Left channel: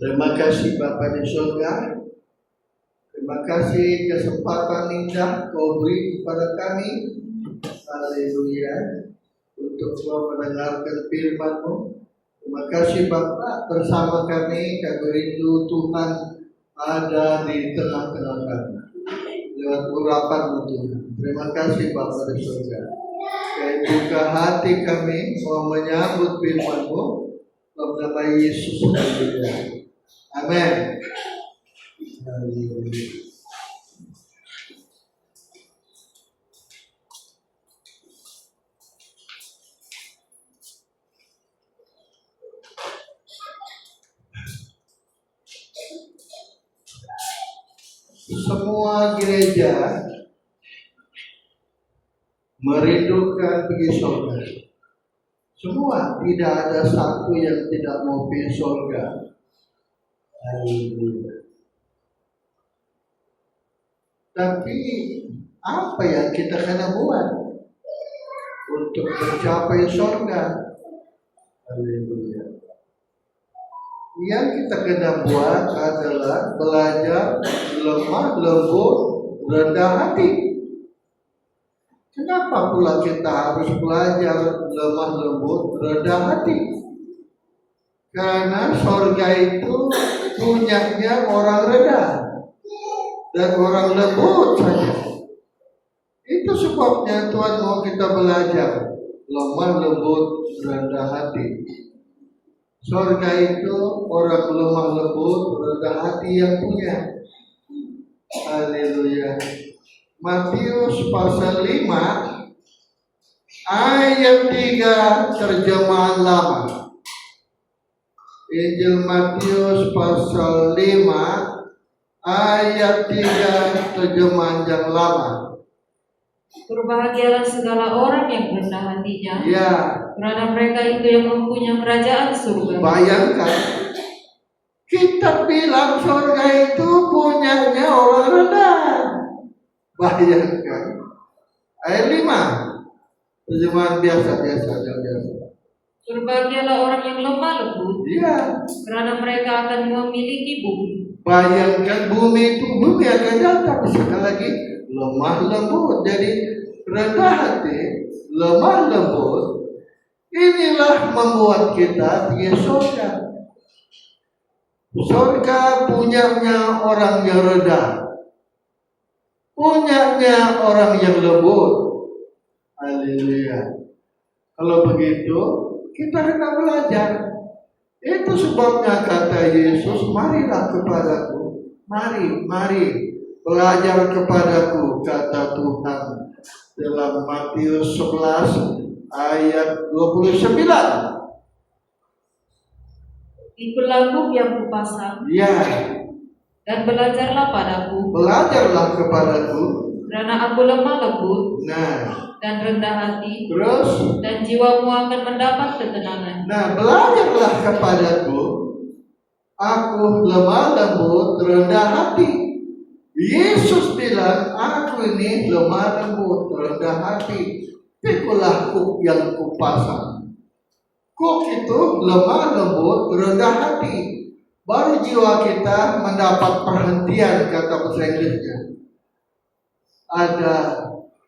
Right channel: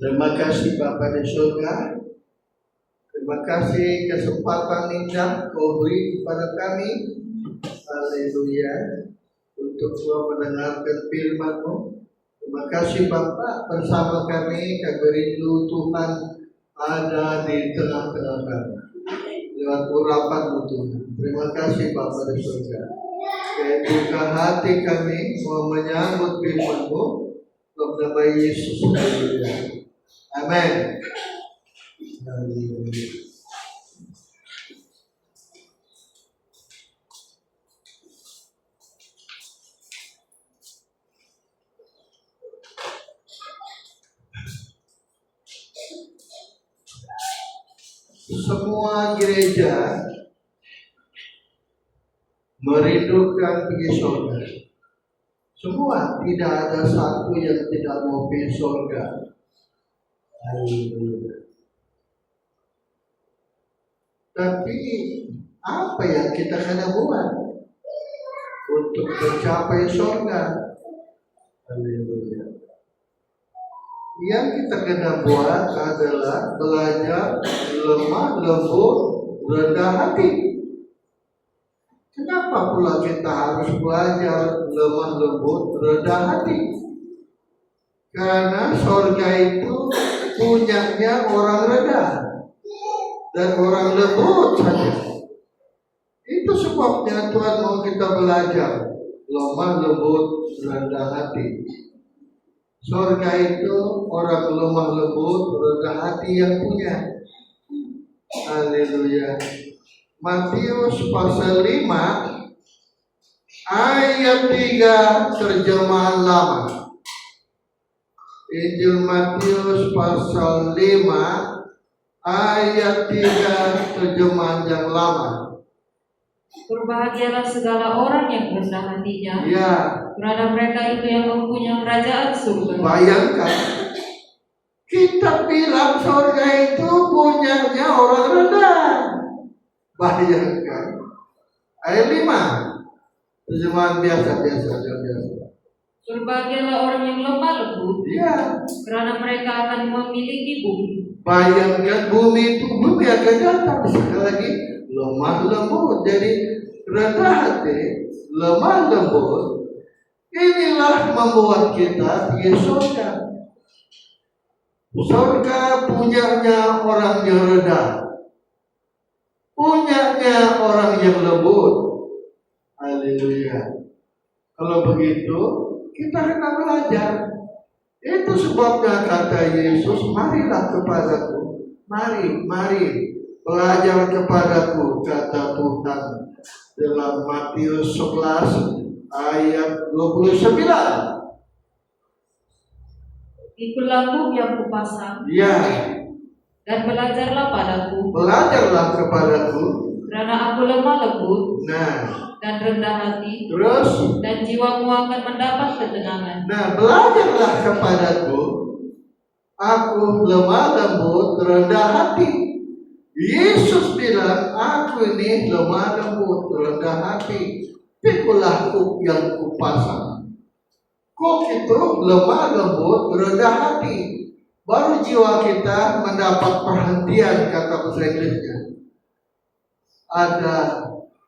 Terima kasih Bapa di surga. Terima kasih kesempatan indah Kau beri kepada kami. Haleluya. Untuk mendengarkan firman-Mu. Terima kasih Bapa, bersama kami rindu Tuhan ada di tengah-tengah kami. Lewat urapan-Mu Tuhan. Terima kasih Bapa di surga. Dan buka hati kami mau menyambut firman-Mu. Dalam nama Yesus. Haleluya. Amin. Semua gereja merindukan pergi surga. Semua, tidak ada satu yang tidak mau pergi surga. Tapi apa yang kita kena buat untuk mencapai surga? Haleluya. Yang kita kena buat adalah belajar lemah lembut, rendah hati. Kenapa pula kita harus belajar lemah lembut, rendah hati? Karena surga itu punyanya orang rendah dan orang lembut saja. Itu sebabnya Tuhan mau kita belajar lemah lembut, rendah hati. Surga itu orang lemah lembut, rendah hati yang punya. Haleluya. Matius pasal 5 ayat 3 terjemahan lama. Injil Matius pasal 5 ayat 3 terjemahan yang lama. Berbahagialah segala orang yang rendah hatinya. Ya. Karena mereka itu yang mempunyai kerajaan surga. Bayangkan, kita bilang surga itu punyanya orang rendah. Bayangkan. Ayat 5 terjemahan biasa. Berbahagialah orang yang lemah lembut. Iya. Karena mereka akan memiliki bumi. Bayangkan bumi akan datang. Sekali lagi lemah lembut. Jadi rendah hati, lemah lembut. Inilah membuat kita pergi surga. Surga punyanya orang yang rendah, punyanya orang yang lembut. Haleluya. Kalau begitu, kita hendak belajar. Itu sebabnya kata Yesus, marilah kepadaku. Mari, belajar kepadaku, kata Tuhan. Dalam Matius 11 ayat 29. Ikulah yang kupasang Ya, dan belajarlah padaku, belajarlah kepadaku. karena aku lemah lembut Nah, dan rendah hati, terus, dan jiwamu akan mendapat ketenangan. nah belajarlah kepadaku. Aku lemah lembut, rendah hati. Yesus bilang, aku ini lemah lembut, rendah hati. Pikulah kuk yang kupasang. Kuk itu lemah lembut, rendah hati. Baru jiwa kita mendapat perhentian, kata bahasa Inggrisnya. Ada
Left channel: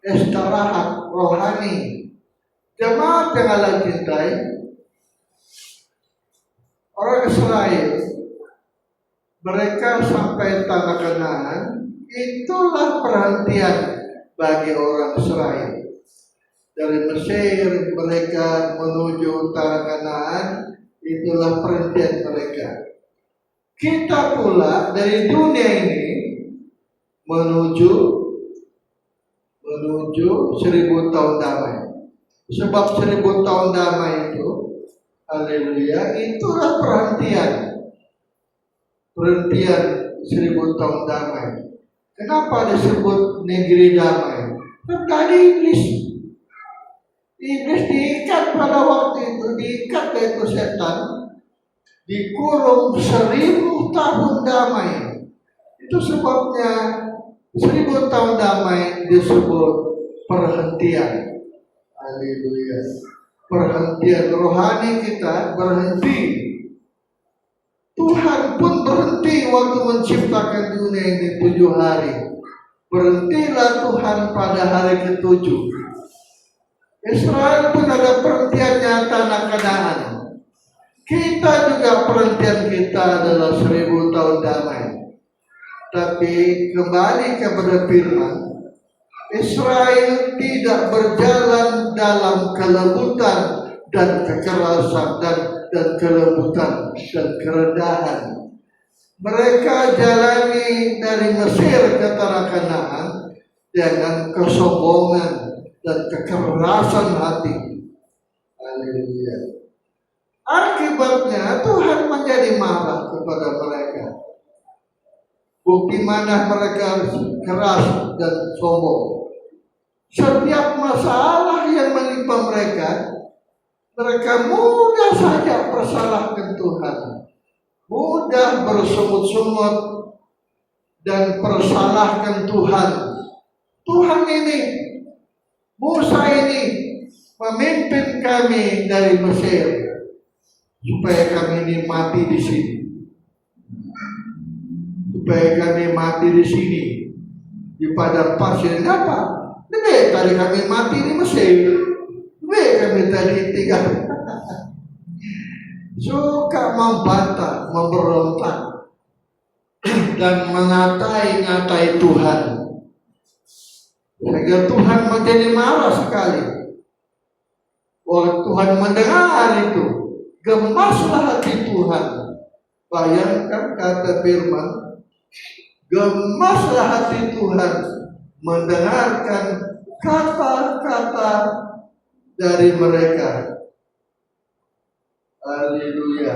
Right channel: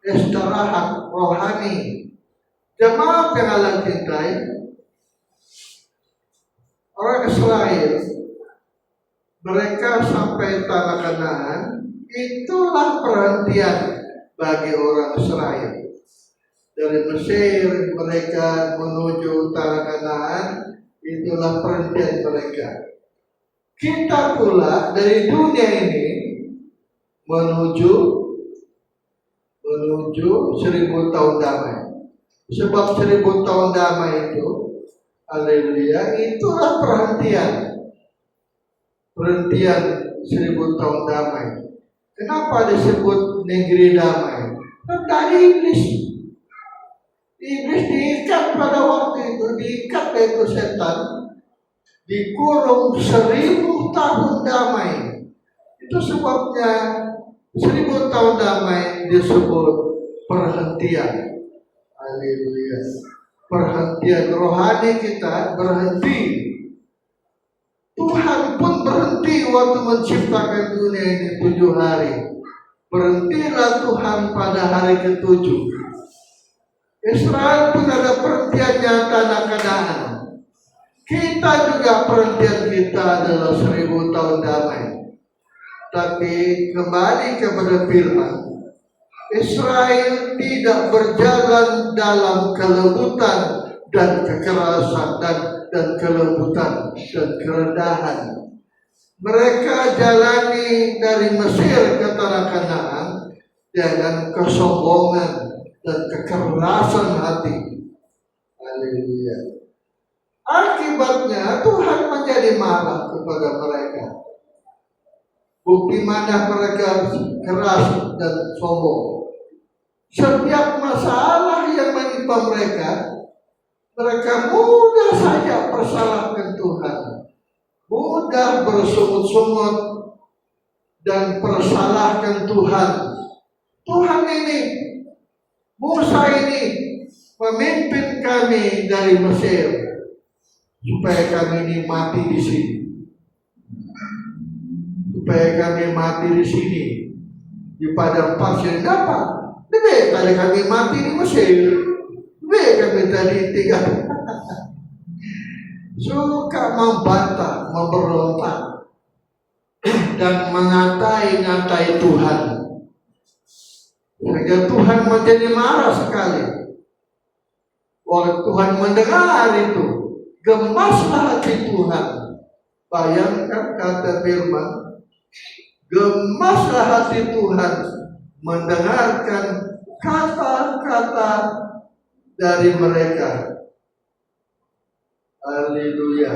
istirahat rohani. Jemaat yang Allah cintai, orang Israel, mereka sampai tanah Kanaan, itulah perhentian bagi orang Israel. Dari Mesir mereka menuju tanah Kanaan, itulah perhentian mereka. Kita pula dari dunia ini menuju 1000 tahun damai. Sebab 1000 tahun damai itu, haleluya, itulah perhentian 1000 tahun damai. Kenapa disebut negeri damai? Kan tadi iblis diikat pada waktu itu, diikat yaitu setan, dikurung 1000 tahun damai. Itu sebabnya 1000 tahun damai disebut perhentian. Haleluya. Perhentian rohani kita berhenti. Tuhan pun berhenti waktu menciptakan dunia ini 7 hari. Berhentilah Tuhan pada hari ke-7. Israel pun ada perhentiannya tanah Kanaan. Kita juga perhentian kita adalah 1000 tahun damai. Tapi kembali kepada firman, Israel tidak berjalan dalam kelembutan dan kekerasan dan kelembutan dan kerendahan. Mereka jalani dari Mesir ke tanah Kanaan dengan kesombongan dan kekerasan hati. Haleluya. Akibatnya Tuhan menjadi marah kepada mereka. Bukti mana mereka keras dan sombong. Setiap masalah yang menimpa mereka, mereka mudah saja persalahkan Tuhan. Mudah bersungut-sungut dan persalahkan Tuhan. Tuhan ini, Musa ini memimpin kami dari Mesir supaya kami ini mati di sini. Supaya kami mati di sini di padang pasir. Dapat lebih tadi kami mati di Mesir, lebih kami tadi tinggal. Suka membantah, memberontak dan mengatai-ngatai Tuhan, sehingga Tuhan menjadi marah sekali. Oleh Tuhan mendengar itu, gemaslah hati Tuhan. Bayangkan kata firman, gemaslah hati Tuhan mendengarkan kata-kata dari mereka. Haleluya.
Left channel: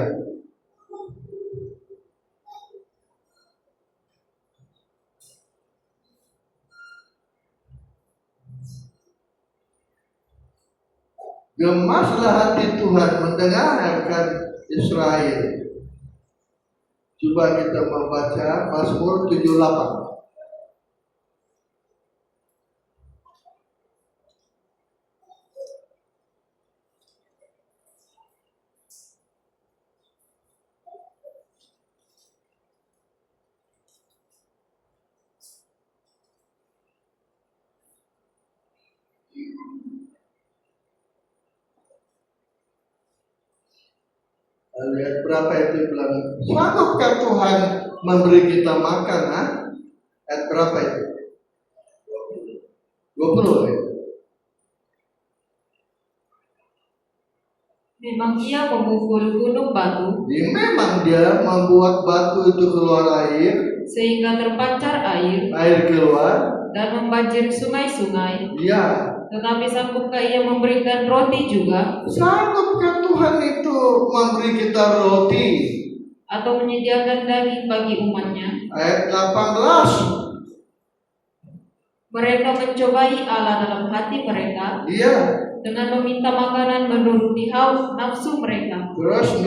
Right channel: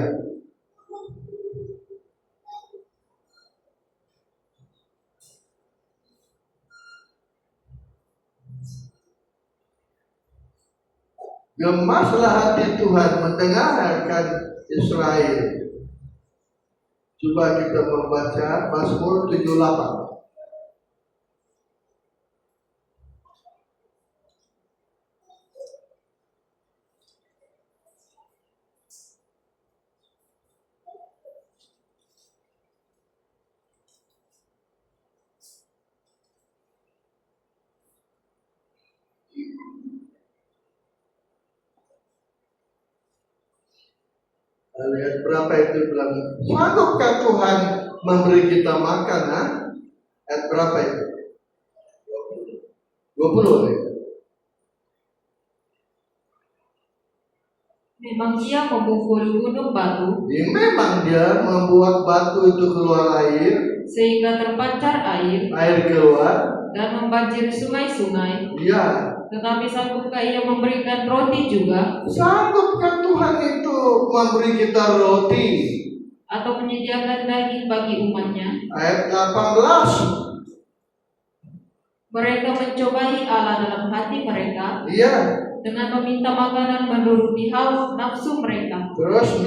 Gemaslah hati Tuhan mendengarkan Israel. Coba kita membaca Mazmur 78. Ayat berapa itu bilang? Sanggupkah Tuhan memberi kita makan? Ha? Ayat berapa itu? 20 ya? Memang ia memukul gunung batu Memang dia membuat batu itu keluar air, sehingga terpancar air air keluar. dan membanjiri sungai-sungai. Ya, Tetapi sanggupkah ia memberikan roti juga, sanggupkah Tuhan itu memberi kita roti? atau menyediakan daging bagi umatnya? Ayat 18. Mereka mencobai Allah dalam hati mereka Iya, dengan meminta makanan menuruti hawa nafsu mereka. terus 19.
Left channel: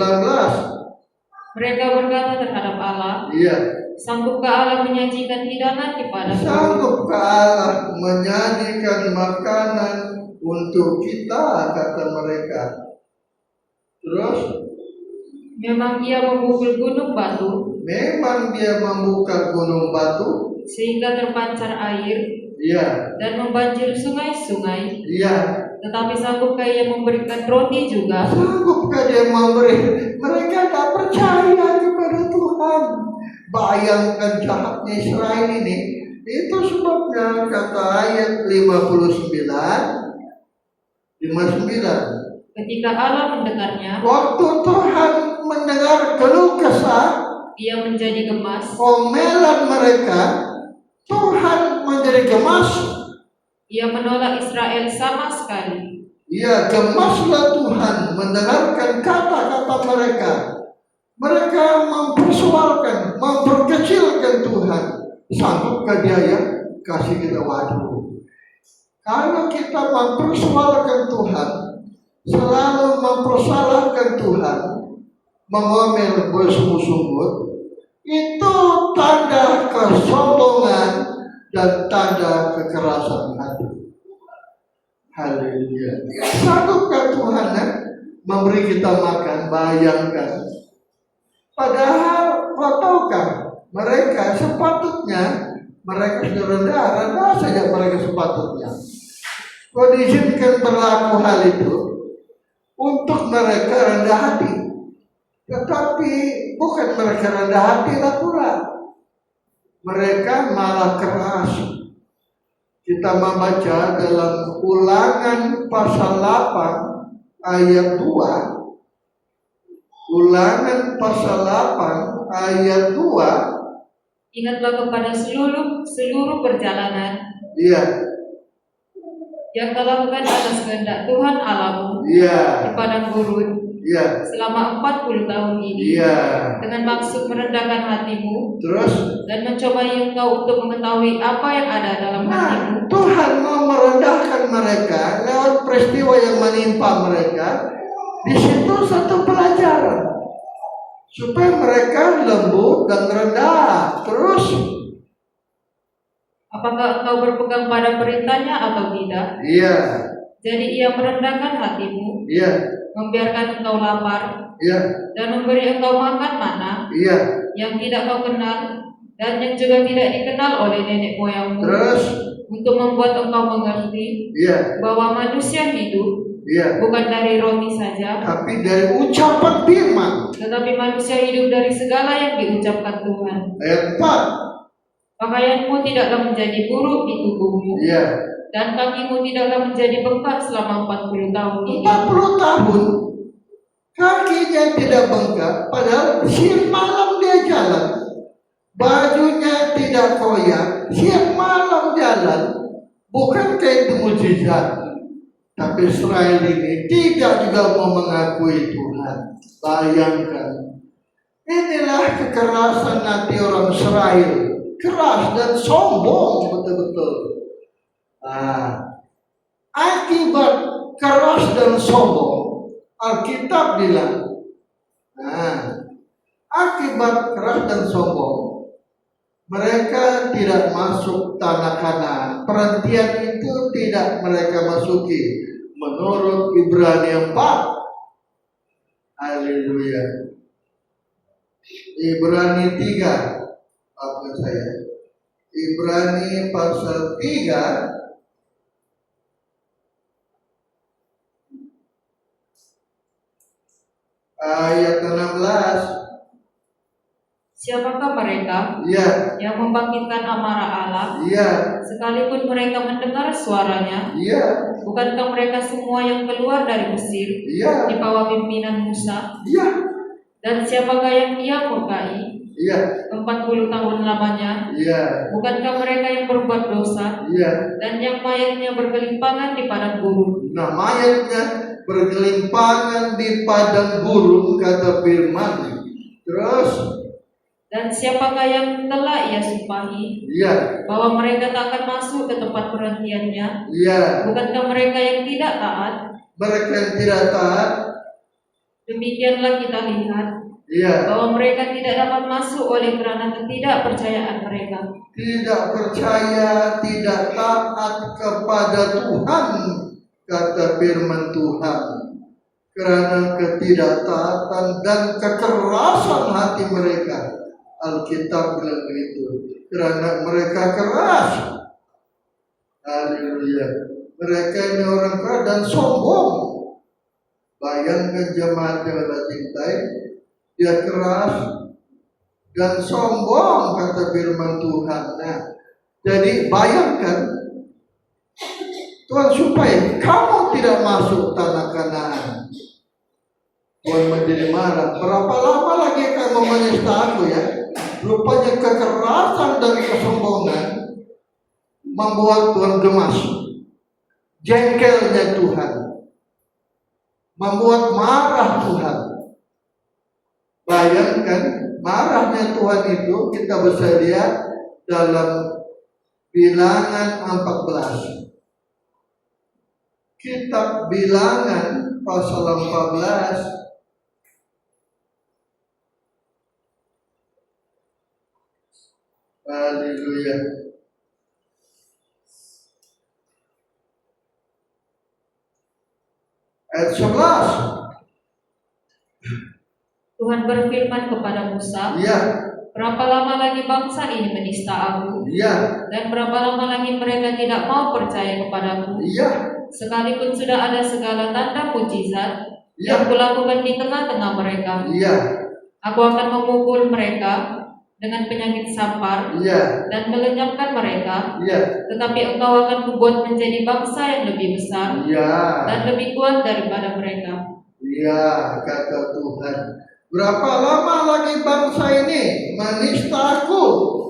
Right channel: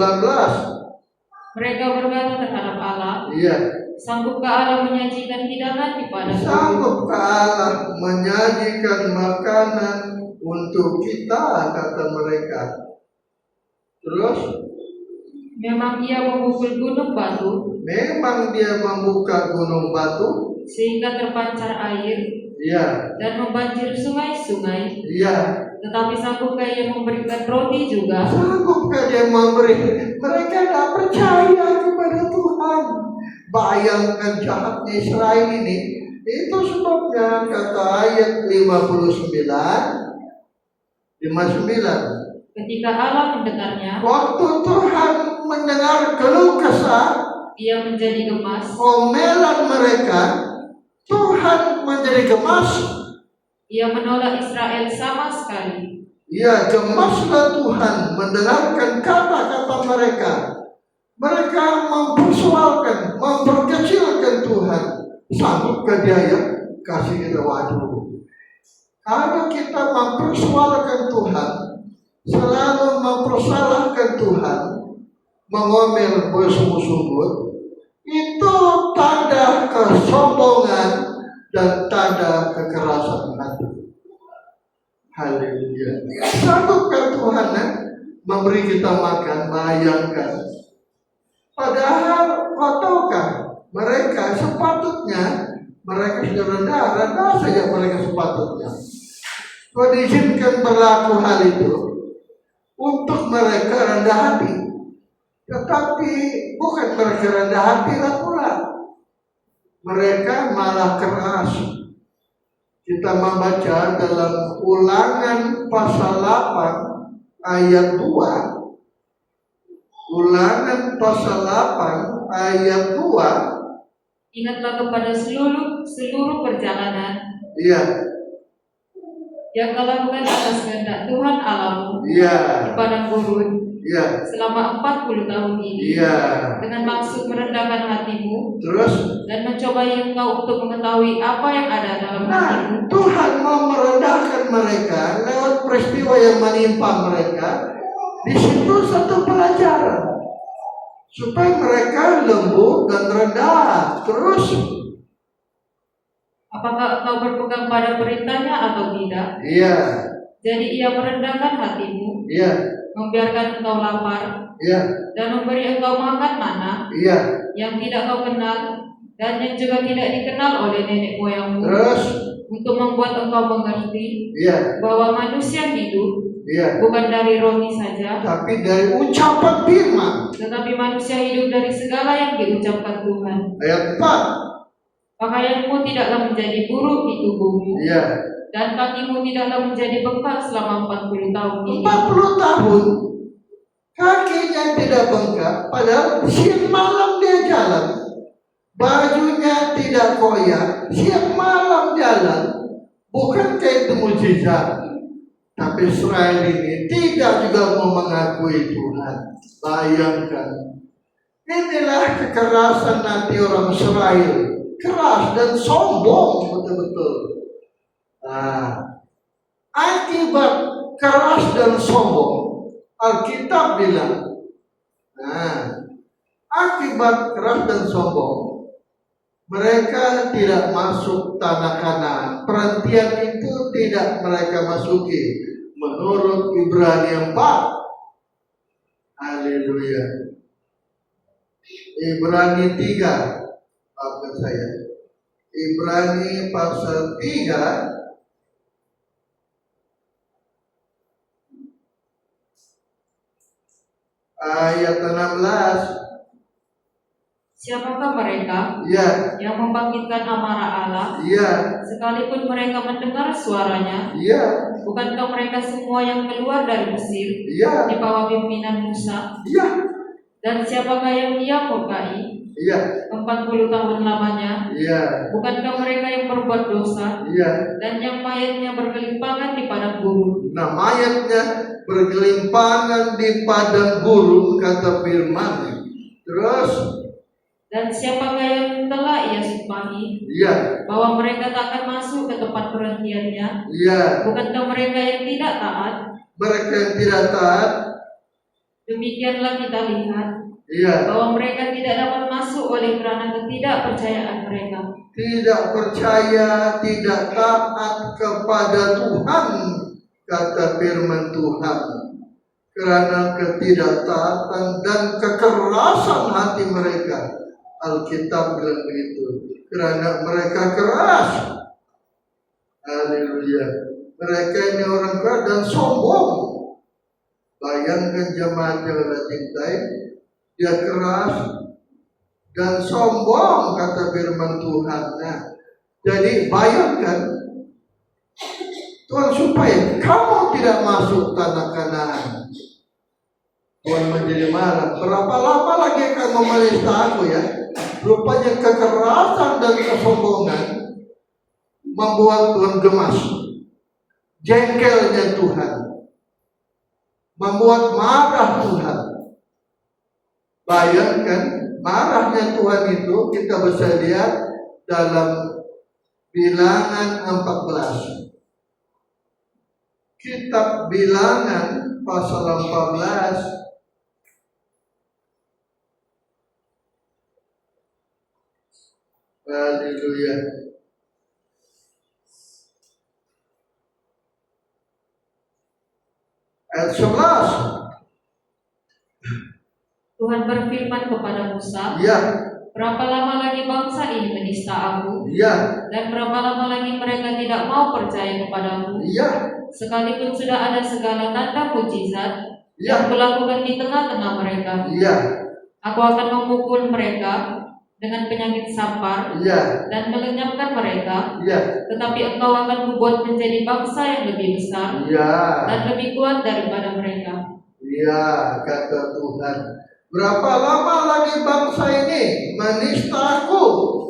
Mereka berkata terhadap Allah, Iya, sanggupkah Allah menyajikan hidangan kepada kami? sanggupkah Allah menyajikan makanan untuk kita, kata mereka. Terus, Memang ia memukul gunung batu memang dia membuka gunung batu. sehingga terpancar air Iya, dan membanjiri sungai-sungai. iya. Tetapi sanggupkah ia memberikan roti juga, Sanggupkah dia memberi? Mereka tidak percaya kepada Tuhan. Bayangkan jahatnya Israel ini. Itu sebabnya kata ayat 59. ketika Allah mendengarnya, Waktu Tuhan mendengar keluh kesah, ia menjadi gemas. omelan mereka, Tuhan menjadi gemas. Ia menolak Israel sama sekali. Ya, gemaslah Tuhan mendengarkan kata-kata mereka. Mereka mempersoalkan, memperkecilkan Tuhan. Sanggupkah dia ya? Kasih kita waduh. Kalau kita mempersoalkan Tuhan, selalu mempersalahkan Tuhan, mengomel bersungut-sungut, itu tanda kesombongan dan tanda kekerasan hati. Haleluya. Sanggupkah Tuhan memberi kita makan? Bayangkan. Padahal tahukah mereka sepatutnya mereka sudah rendah saja mereka sepatutnya. Kau diizinkan berlaku hal itu untuk mereka rendah hati. Tetapi bukan mereka rendah hati lah pula. Mereka malah keras. Kita membaca dalam Ulangan pasal 8 ayat 2. Ulangan pasal 8 ayat 2. Ingatlah kepada seluruh perjalanan Iya, yang kau lakukan atas kehendak Tuhan Allahmu iya, di padang gurun iya, selama 40 tahun ini, iya. dengan maksud merendahkan hatimu Terus, dan mencobai engkau untuk mengetahui apa yang ada dalam hatimu. Tuhan mau merendahkan mereka lewat peristiwa yang menimpa mereka. Di situ satu pelajaran supaya mereka lembut dan rendah. Terus, Apakah engkau berpegang pada perintahnya atau tidak? iya, Jadi ia merendahkan hatimu, iya, membiarkan engkau lapar, iya, dan memberi engkau makan mana iya. yang tidak kau kenal dan yang juga tidak dikenal oleh nenek moyangmu, Terus, untuk membuat engkau mengerti iya, bahwa manusia hidup iya. bukan dari roti saja, Tapi dari ucapan firman. tetapi manusia hidup dari segala yang diucapkan Tuhan. Ayat 4. Pakaianmu tidaklah menjadi buruk di tubuhmu, Iya. dan kakimu tidaklah menjadi bengkak selama 40 tahun ini. 40 tahun kakinya tidak bengkak, padahal siang malam dia jalan. Bajunya tidak koyak, siang malam jalan. Bukankah itu mukjizat? Tapi Israel ini tidak juga mau mengakui Tuhan. Bayangkan. Inilah kekerasan hati orang Israel. Keras dan sombong betul-betul. Akibat keras dan sombong, Alkitab bilang, akibat keras dan sombong, mereka tidak masuk tanah Kanaan. Perhentian itu tidak mereka masuki. Menurut Ibrani 4. Haleluya. Ibrani 3. Maafkan saya. Ibrani pasal 3 ayat 16. Siapakah mereka Ya, yang membangkitkan amarah Allah, ya, sekalipun mereka mendengar suaranya? ya, Bukankah mereka semua yang keluar dari Mesir ya, di bawah pimpinan Musa? ya, Dan siapakah yang ia murkai ya, 40 tahun lamanya? ya, Bukankah mereka yang berbuat dosa ya. dan yang mayatnya bergelimpangan di padang gurun? Nah, mayatnya bergelimpangan di padang gurun, kata firman. Terus, Dan siapakah yang telah ia sumpahi ya, bahwa mereka tak akan masuk ke tempat perhentiannya? ya, Bukankah mereka yang tidak taat? mereka yang tidak taat, Demikianlah kita lihat ya, bahwa mereka tidak dapat masuk oleh karena ketidakpercayaan mereka. tidak percaya, tidak taat kepada Tuhan, kata firman Tuhan. Karena ketidaktaatan dan kekerasan hati mereka. Alkitab bilang begitu. Karena mereka keras. Haleluya. Mereka ini orang keras dan sombong. Bayangkan jemaat yang Allah cintai, dia keras dan sombong, kata firman Tuhan. Nah, jadi bayangkan Tuhan supaya kamu tidak masuk tanah Kanaan. Tuhan menjadi marah. Berapa lama lagi kamu menista aku ya? Rupanya kekerasan dan kesombongan membuat Tuhan gemas. Jengkelnya Tuhan membuat marah Tuhan. Bayangkan marahnya Tuhan itu kita bisa lihat dalam Bilangan 14. Kitab Bilangan pasal 14 Haleluya. Ayat 11. Tuhan berfirman kepada Musa, Ya, berapa lama lagi bangsa ini menista aku? ya, Dan berapa lama lagi mereka tidak mau percaya kepadamu? ya, Sekalipun sudah ada segala tanda mujizat ya, yang kulakukan di tengah-tengah mereka, ya, aku akan memukul mereka dengan penyakit sampar ya, dan melenyapkan mereka. ya, Tetapi engkau akan kubuat menjadi bangsa yang lebih besar ya, dan lebih kuat daripada mereka. ya, kata Tuhan. Berapa lama lagi bangsa ini menista aku?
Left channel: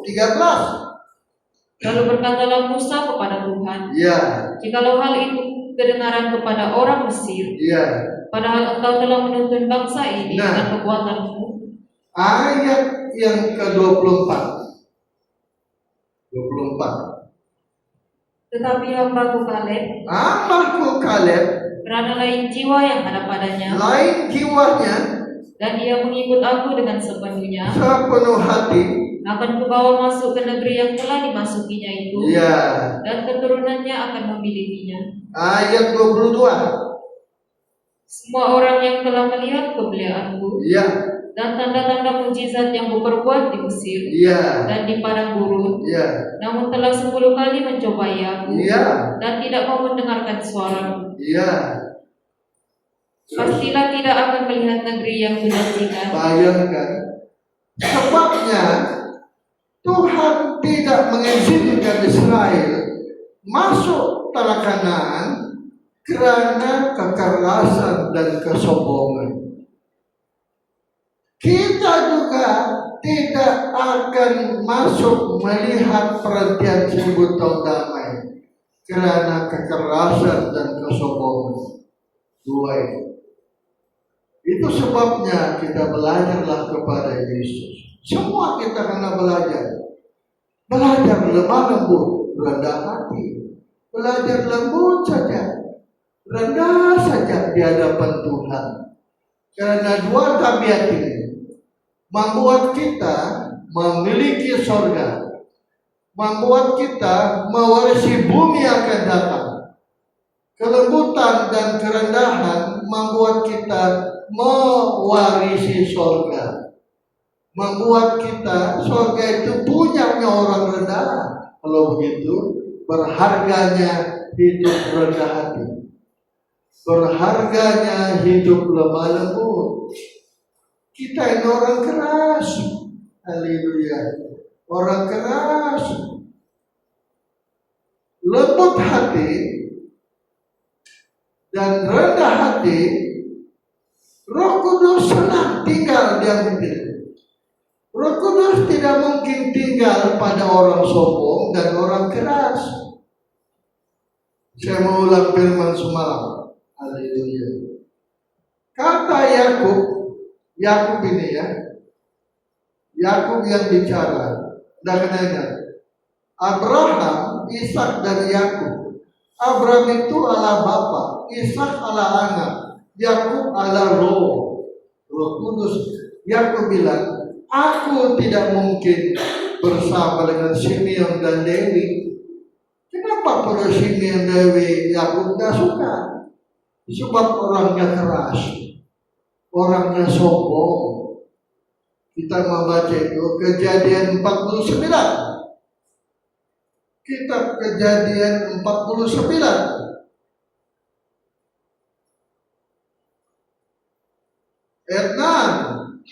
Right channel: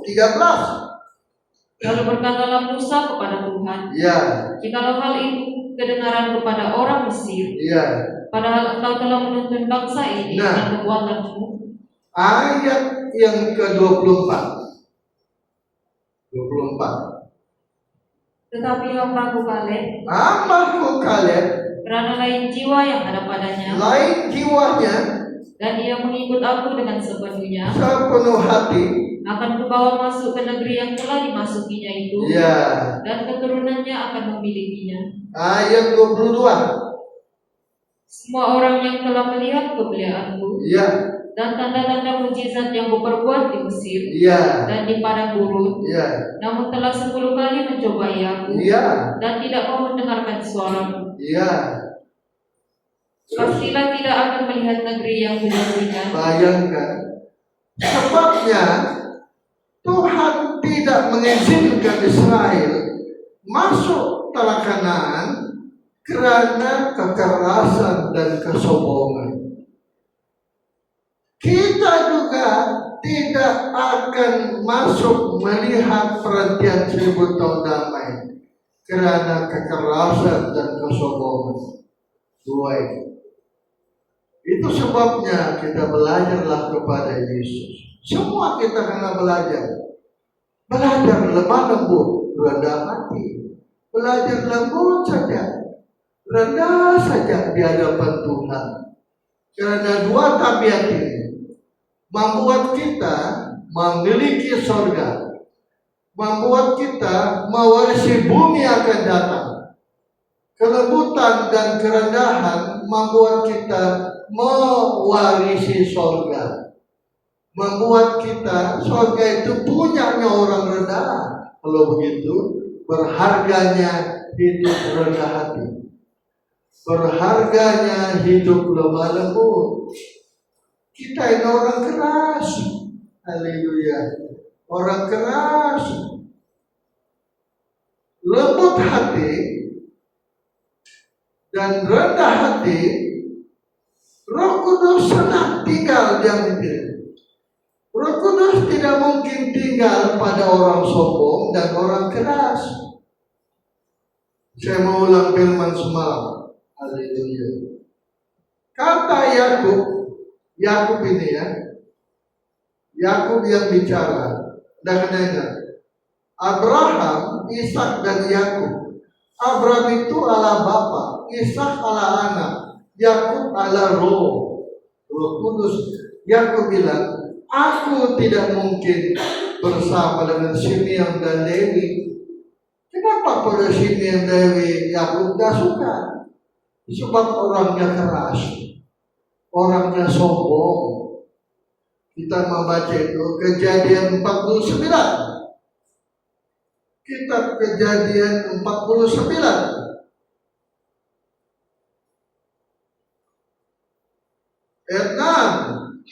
13. Lalu berkatalah Musa kepada Tuhan, Ya, jikalau hal itu kedengaran kepada orang Mesir, ya. padahal engkau telah menuntun bangsa ini Nah. dengan kekuatanmu. Ayat yang ke-24. 24. Tetapi hambaku Kaleb, Hambaku Kaleb, karena lain jiwa yang ada padanya, lain jiwanya, dan dia mengikut aku dengan sepenuhnya, sepenuh hati. akan kubawa masuk ke negeri yang telah dimasukinya itu, Ya. dan keturunannya akan memilikinya. Ayat 22. Semua orang yang telah melihat kemuliaanku Ya, dan tanda-tanda mujizat yang kuperbuat di Mesir ya, dan di padang gurun, ya, namun telah 10 kali mencobai aku ya, dan tidak mau mendengarkan suaraku. ya. Pastilah tidak akan melihat negeri yang dijanjikan. Bayangkan. Sebabnya Tuhan tidak mengizinkan Israel masuk tanah Kanaan karena kekerasan dan kesombongan. Kita juga tidak akan masuk melihat perhentian 1000 tahun damai karena kekerasan dan kesombongan. Dua itu sebabnya kita belajarlah kepada Yesus. Semua kita kena belajar. Belajar lemah lembut, rendah hati. Belajar lembut saja, rendah saja di hadapan Tuhan. Karena dua tabiat ini membuat kita memiliki surga, membuat kita mewarisi bumi akan datang. Kelembutan dan kerendahan membuat kita mewarisi surga, membuat kita surga itu punyanya orang rendah. Kalau begitu, berharganya hidup rendah hati, berharganya hidup lemah lembut. Kita ini orang keras, Haleluya. Orang keras, lembut hati, dan rendah hati, Roh Kudus senang tinggal di hati. Roh Kudus tidak mungkin tinggal pada orang sombong dan orang keras. Saya mau ulang firman semalam. Haleluya. Kata Yakub ini ya. Yakub yang bicara. Dan ingat, Abraham, Ishak dan Yakub. Abraham itu ala bapa, Ishak ala anak, Yakub ala roh kudus. Yakub bilang, aku tidak mungkin bersama dengan Simeon dan Lewi. Kenapa pada Simeon dan Lewi Yakub gak suka? Sebab orangnya keras, orangnya sombong. Kita membaca itu Kejadian 49. Kitab Kejadian 49. Ayat 6.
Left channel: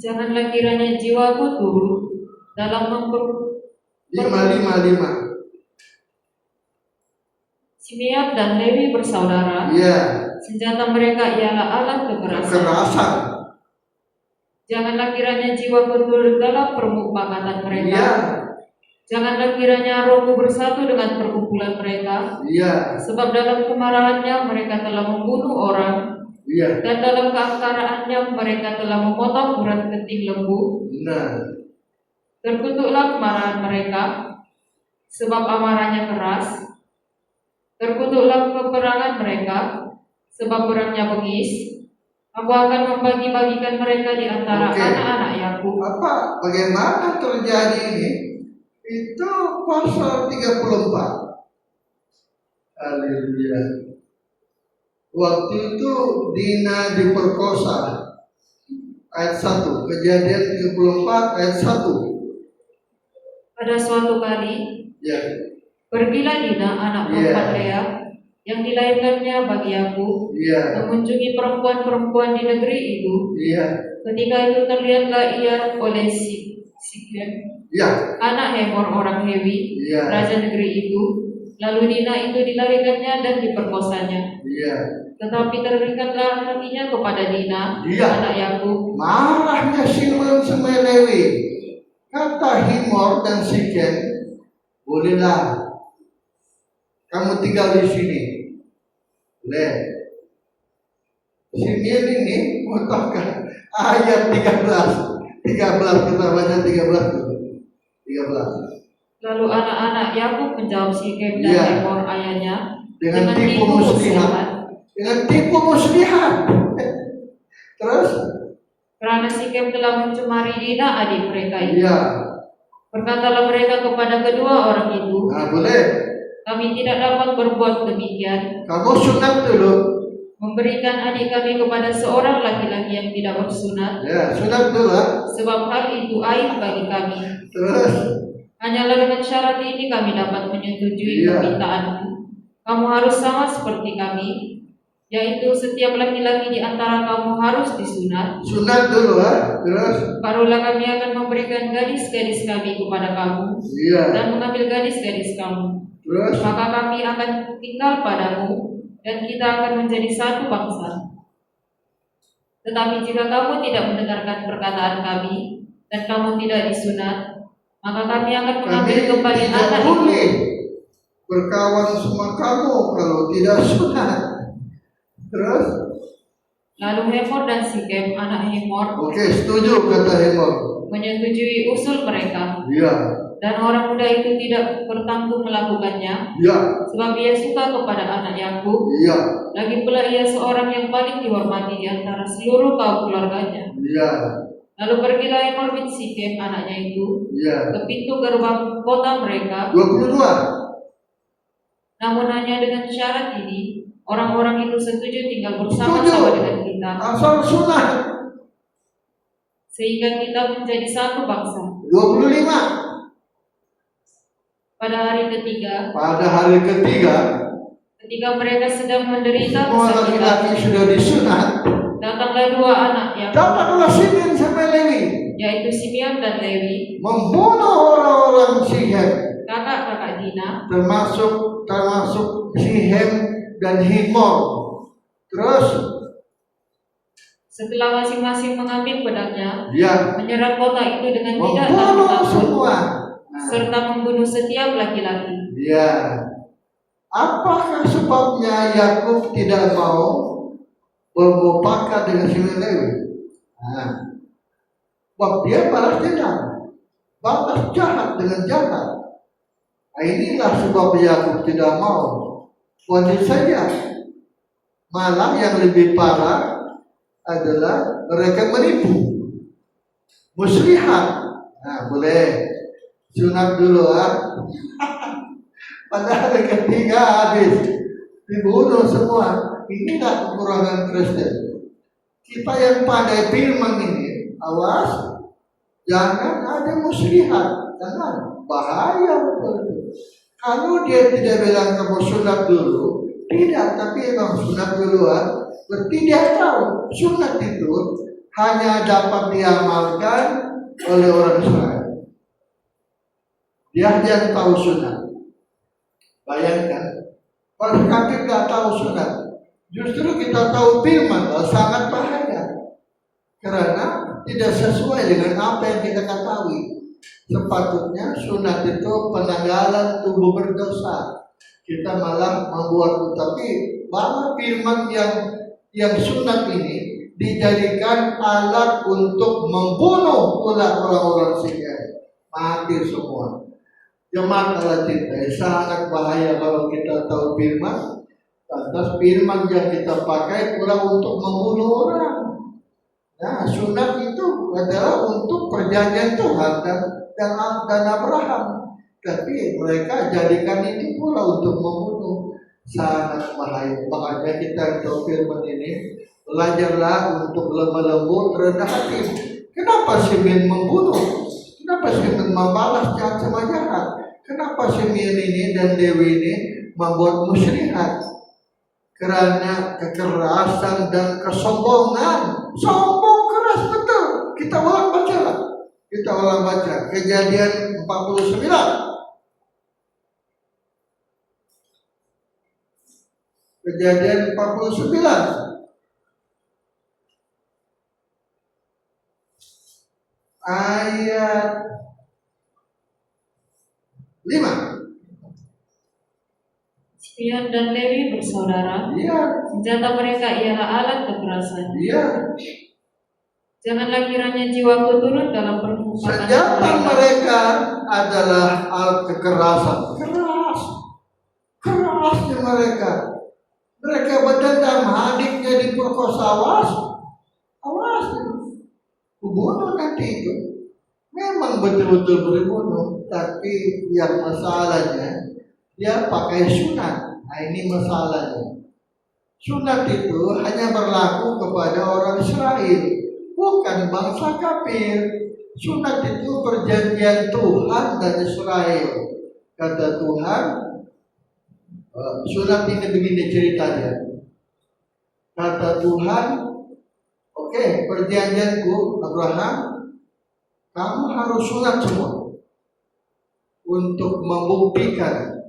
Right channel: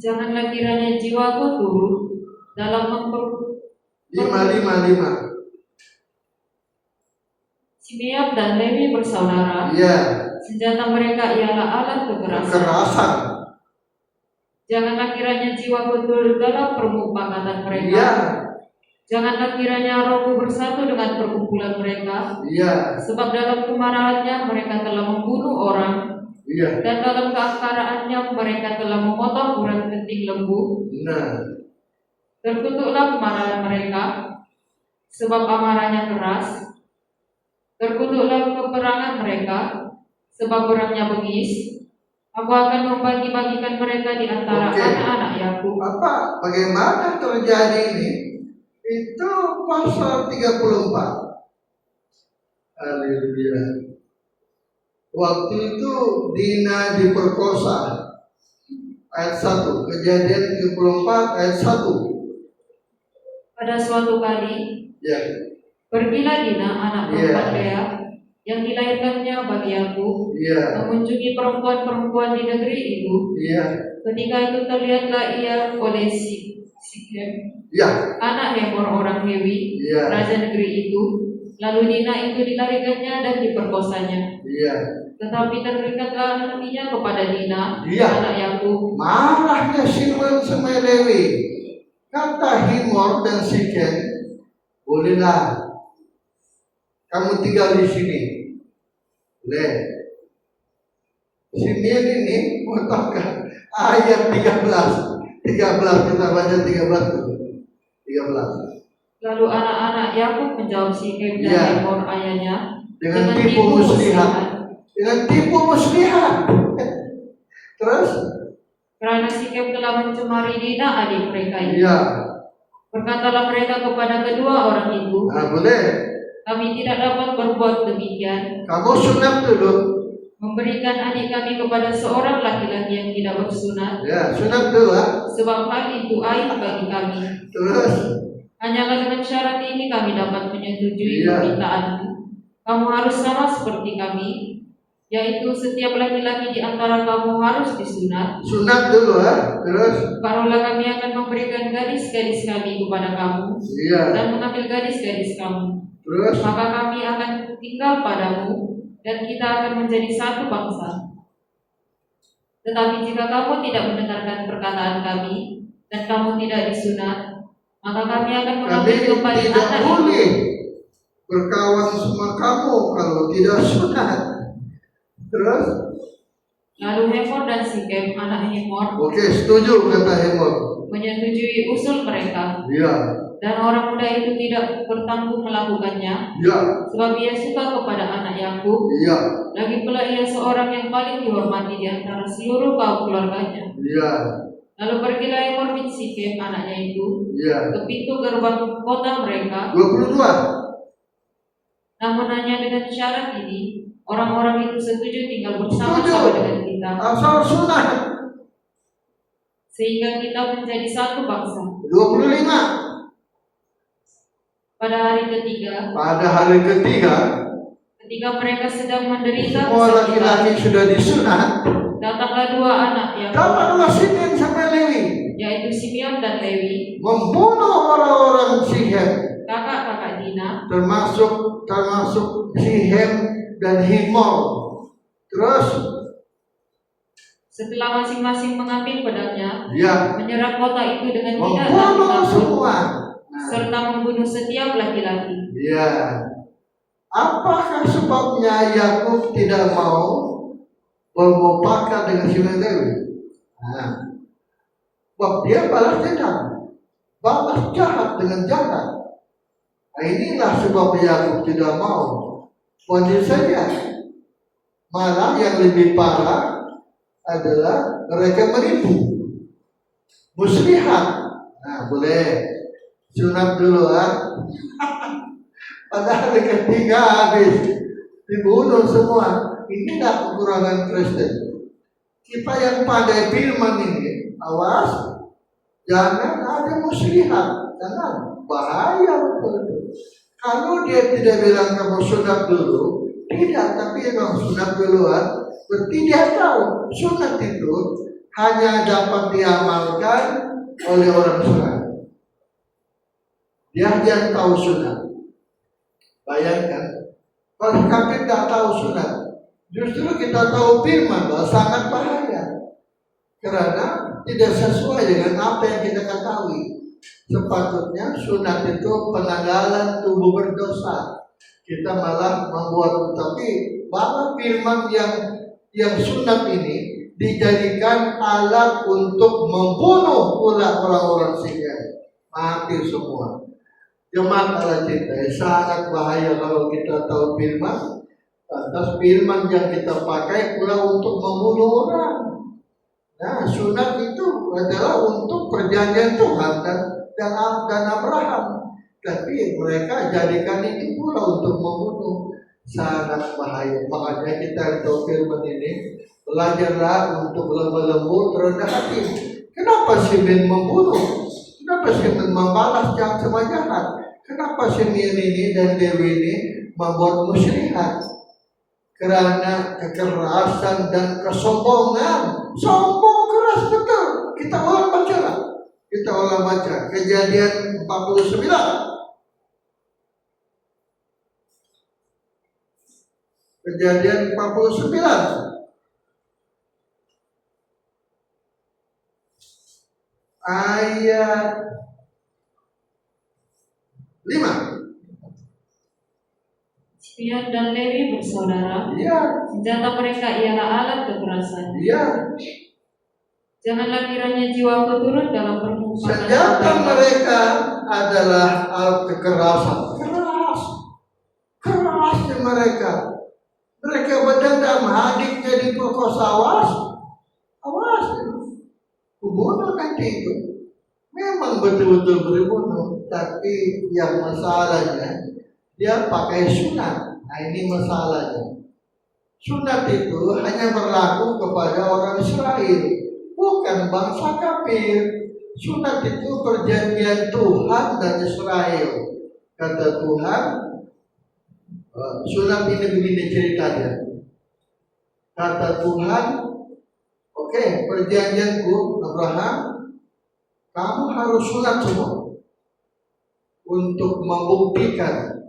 Janganlah kiranya jiwaku turun dalam 555. Simeon dan Lewi bersaudara. Ya. Senjata mereka ialah alat Kekerasan. Janganlah kiranya jiwaku turun dalam permufakatan mereka. Ya. Janganlah kiranya rohku bersatu dengan perkumpulan mereka. Ya. Sebab dalam kemarahannya mereka telah membunuh orang. Ya. Dan dalam keangkaraannya mereka telah memotong urat kenting lembu. Benar. Terkutuklah kemarahan mereka, sebab amarahnya keras. Terkutuklah peperangan mereka, sebab perangnya bengis. Aku akan membagi-bagikan mereka di antara anak-anak Yakub. Bagaimana terjadi ini? Itu pasal 34. Haleluya. Waktu itu Dina diperkosa. Ayat 1. Kejadian 34 ayat 1. Pada suatu kali, Ya. pergilah Dina anak perempuan Lea yang dilahirkannya bagi aku, mengunjungi perempuan-perempuan di negeri itu. Ketika itu terlihatlah ia oleh Sikem, anak Hemor orang Hewi, raja negeri itu. Lalu Dina itu dilahirkannya dan diperkosanya. Tetapi terikatlah hatinya kepada Dina, anak Yakub. Marahnya Simeon sama Lewi. Kata Hemor dan Sikem, bolehlah kamu tinggal di sini. Simeon ini mengatakan ayat 13 kita baca 13. Lalu anak-anak Yakub menjawab Sikem dan Hemor ayahnya dengan tipu muslihat. Terus karena Sikem telah mencemari Dina adik mereka itu. Berkatalah mereka kepada kedua orang itu, boleh. Kami tidak dapat berbuat demikian. Kamu sunat dulu. Memberikan adik kami kepada seorang laki-laki yang tidak bersunat. Sunat dulu. Sebab hal itu aib bagi kami. Terus hanyalah dengan syarat ini kami dapat menyetujui permintaanmu. Kamu harus sama seperti kami, yaitu setiap laki-laki di antara kamu harus disunat. Sunat dulu, terus barulah kami akan memberikan gadis-gadis kami kepada kamu dan mengambil gadis-gadis kamu. Terus maka kami akan tinggal padamu dan kita akan menjadi satu bangsa. Tetapi jika kamu tidak mendengarkan perkataan kami dan kamu tidak disunat, maka kami akan mengambil kembali anak itu. Boleh berkawan sama kamu kalau tidak sunat. Terus lalu Hemor dan Sikem anak Hemor, setuju kata Hemor, menyetujui usul mereka. Dan orang muda itu tidak bertanggung melakukannya, sebab ia suka kepada anak Yakub. Lagi pula ia seorang yang paling dihormati di antara seluruh kaum keluarganya. Lalu pergilah Hemor bin Sikem anaknya itu ke pintu gerbang kota mereka. 22. Namun hanya dengan syarat ini, orang-orang itu setuju tinggal bersama-sama dengan kita. Asal sunat. Sehingga kita menjadi satu bangsa. 25. Pada hari ketiga, ketika mereka sedang menderita semua laki-laki sudah disunat, datanglah dua anak yang Simeon sama Lewi, yaitu Simeon dan Lewi, membunuh orang-orang Sihem, kakak-kakak Dina, termasuk Sihem dan Himor. Terus setelah masing-masing mengambil pedangnya, ya, menyerang kota itu dengan tidak membunuh takut semua. serta membunuh setiap laki-laki. Ya, apakah sebabnya Yakub tidak mau bermufakat dengan Simeon Lewi? Sebab dia balas dendam, balas jahat dengan jahat. Inilah sebab Yakub tidak mau. Kondisi saja. Malah yang lebih parah adalah mereka menipu, muslihat. Boleh sunat dulu padahal ketiga habis dibunuh semua. Inilah kekurangan Kristen. Kita yang pandai firman ini, awas jangan ada muslihat, jangan, bahaya betul. Kalau dia tidak bilang kamu sunat dulu, tidak, tapi emang sunat duluan, berarti dia tahu sunat itu hanya dapat diamalkan oleh orang sunat. Dia yang tahu sunat. Bayangkan, kalau kafir nggak tahu sunat, justru kita tahu firman, sangat bahaya. Karena tidak sesuai dengan apa yang kita ketahui. Sepatutnya sunat itu penanggalan tubuh berdosa. Kita malah membuat, tapi bahwa firman yang sunat ini dijadikan alat untuk membunuh pula orang-orang Sihem, mati semua. Jemaat Allah cintai, sangat bahaya kalau kita tahu firman, lantas firman yang kita pakai pula untuk membunuh orang. Nah, sunat itu adalah untuk perjanjian Tuhan dan Abraham, tapi mereka jadikan itu pula untuk membunuh. Sangat bahaya. Makanya kita tahu firman ini, belajarlah untuk lemah lembut, rendah hati. Kenapa Simeon membunuh? Kenapa Simeon membalas jahat sama jahat? Kenapa Simeon ini dan Lewi ini membuat muslihat? Karena kekerasan dan kesombongan. Sombong keras betul. Kita ulang baca. Kejadian 49. Kejadian 49. Ayat 5. Simeon dan Lewi bersaudara. Iya. Senjata mereka ialah alat kekerasan. Iya. Janganlah kiranya jiwaku turun dalam permukaan. Senjata mereka adalah alat kekerasan. Kerasnya mereka. Mereka berdendam, adiknya diperkosa, awas. Bunuh nanti itu. Memang betul-betul berbunuh, tapi yang masalahnya dia pakai sunat. Nah, ini masalahnya. Sunat itu hanya berlaku kepada orang Israel, bukan bangsa kafir. Sunat itu perjanjian Tuhan dan Israel. Kata Tuhan, sunat ini begini ceritanya. Kata Tuhan, oke, perjanjianku Abraham, kamu harus sunat semua untuk membuktikan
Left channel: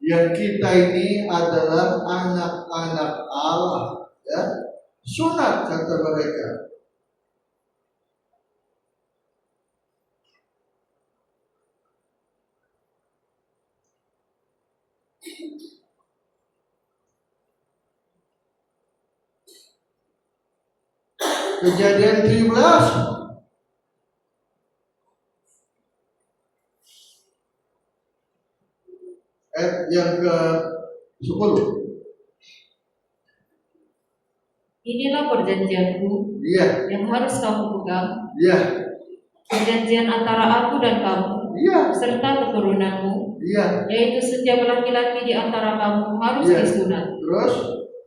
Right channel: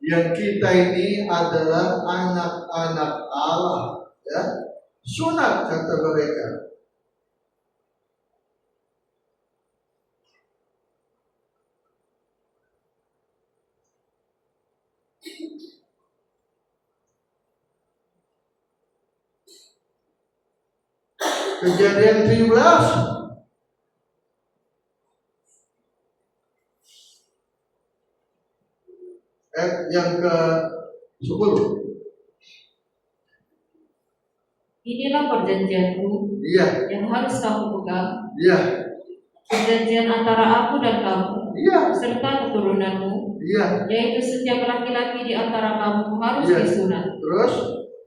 yang kita ini adalah anak-anak Allah, ya. Sunat kata mereka. Kejadian 17 yang ke-10. Inilah perjanjianku, Iya. yang harus kamu pegang. Iya. Perjanjian antara aku dan kamu, Iya. serta keturunanmu, Iya. yaitu setiap laki-laki di antara kamu harus Iya. disunat. Terus?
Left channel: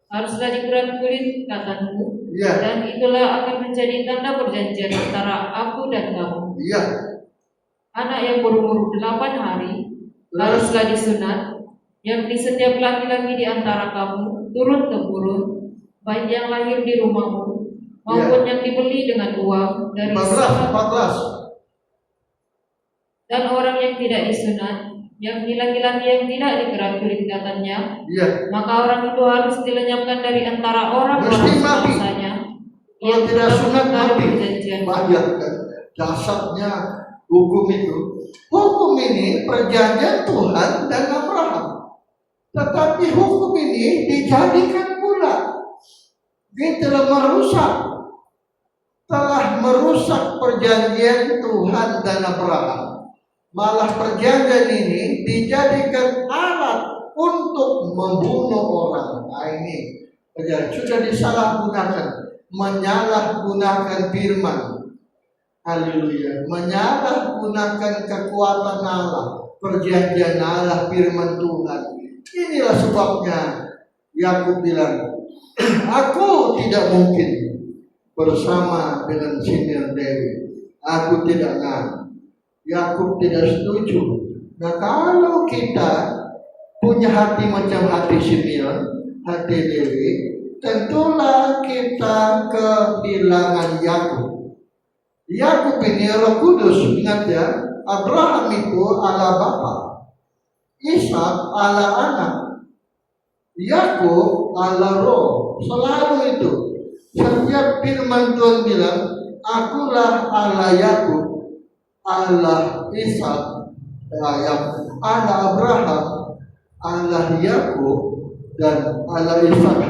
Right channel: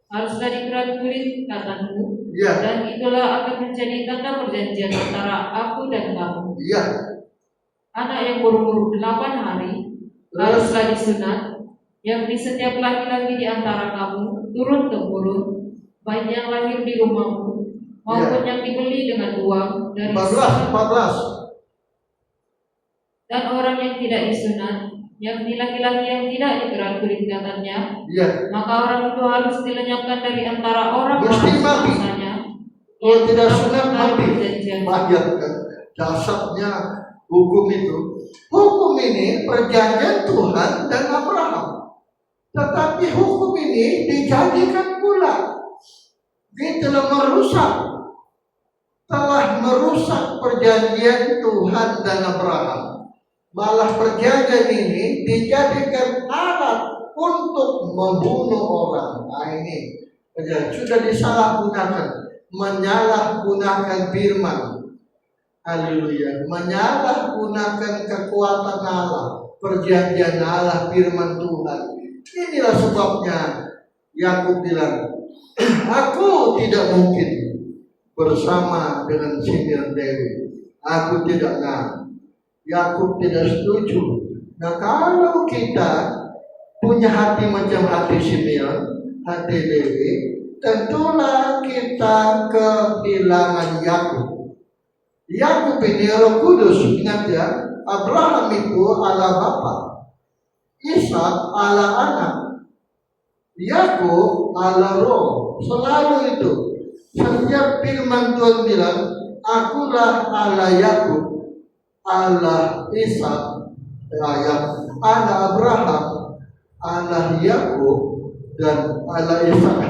Haruslah dikerat kulit katanmu, Iya. dan itulah akan menjadi tanda perjanjian antara aku dan kamu. Iya. Anak yang berumur 8 hari haruslah disunat, yang di setiap laki-laki di antara kamu turun temurun, baik yang lahir di rumahmu maupun yang dibeli dengan uang dari 14. Dan orang yang tidak disunat, yakni laki-laki yang tidak digerak kulit-katannya, maka orang itu harus dilenyapkan dari antara orang-orang sebangsa-nya. Kalau tidak sunat mati. Perjanjian. Bayangkan dasarnya hukum itu. Hukum ini perjanjian Tuhan dan Abraham. Tetapi hukum ini dijadikan pula. Dia telah merusak perjanjian Tuhan dan Abraham. Malah perjanjian ini dijadikan alat untuk membunuh orang. Nah ini sudah disalahgunakan, menyalahgunakan firman. Haleluya, menyalahgunakan kekuatan Allah, perjanjian Allah, firman Tuhan. Inilah sebabnya Yakub bilang, aku tidak mungkin bersama dengan Simeon Lewi. Aku tidak mau. Yakub tidak setuju. Nah, kalau kita punya hati macam hati Simeon, hati Lewi, tentulah kita kehilangan Yakub. Yakub ini Roh Kudus, ingat ya, Abraham itu Allah Bapa, Ishak Allah Anak, Yakub Allah Roh, selalu itu. Setiap firman Tuhan bilang, akulah Allah Yakub, Allah Ishak, Allah Abraham, Allah Yakub, dan Allah Ishak.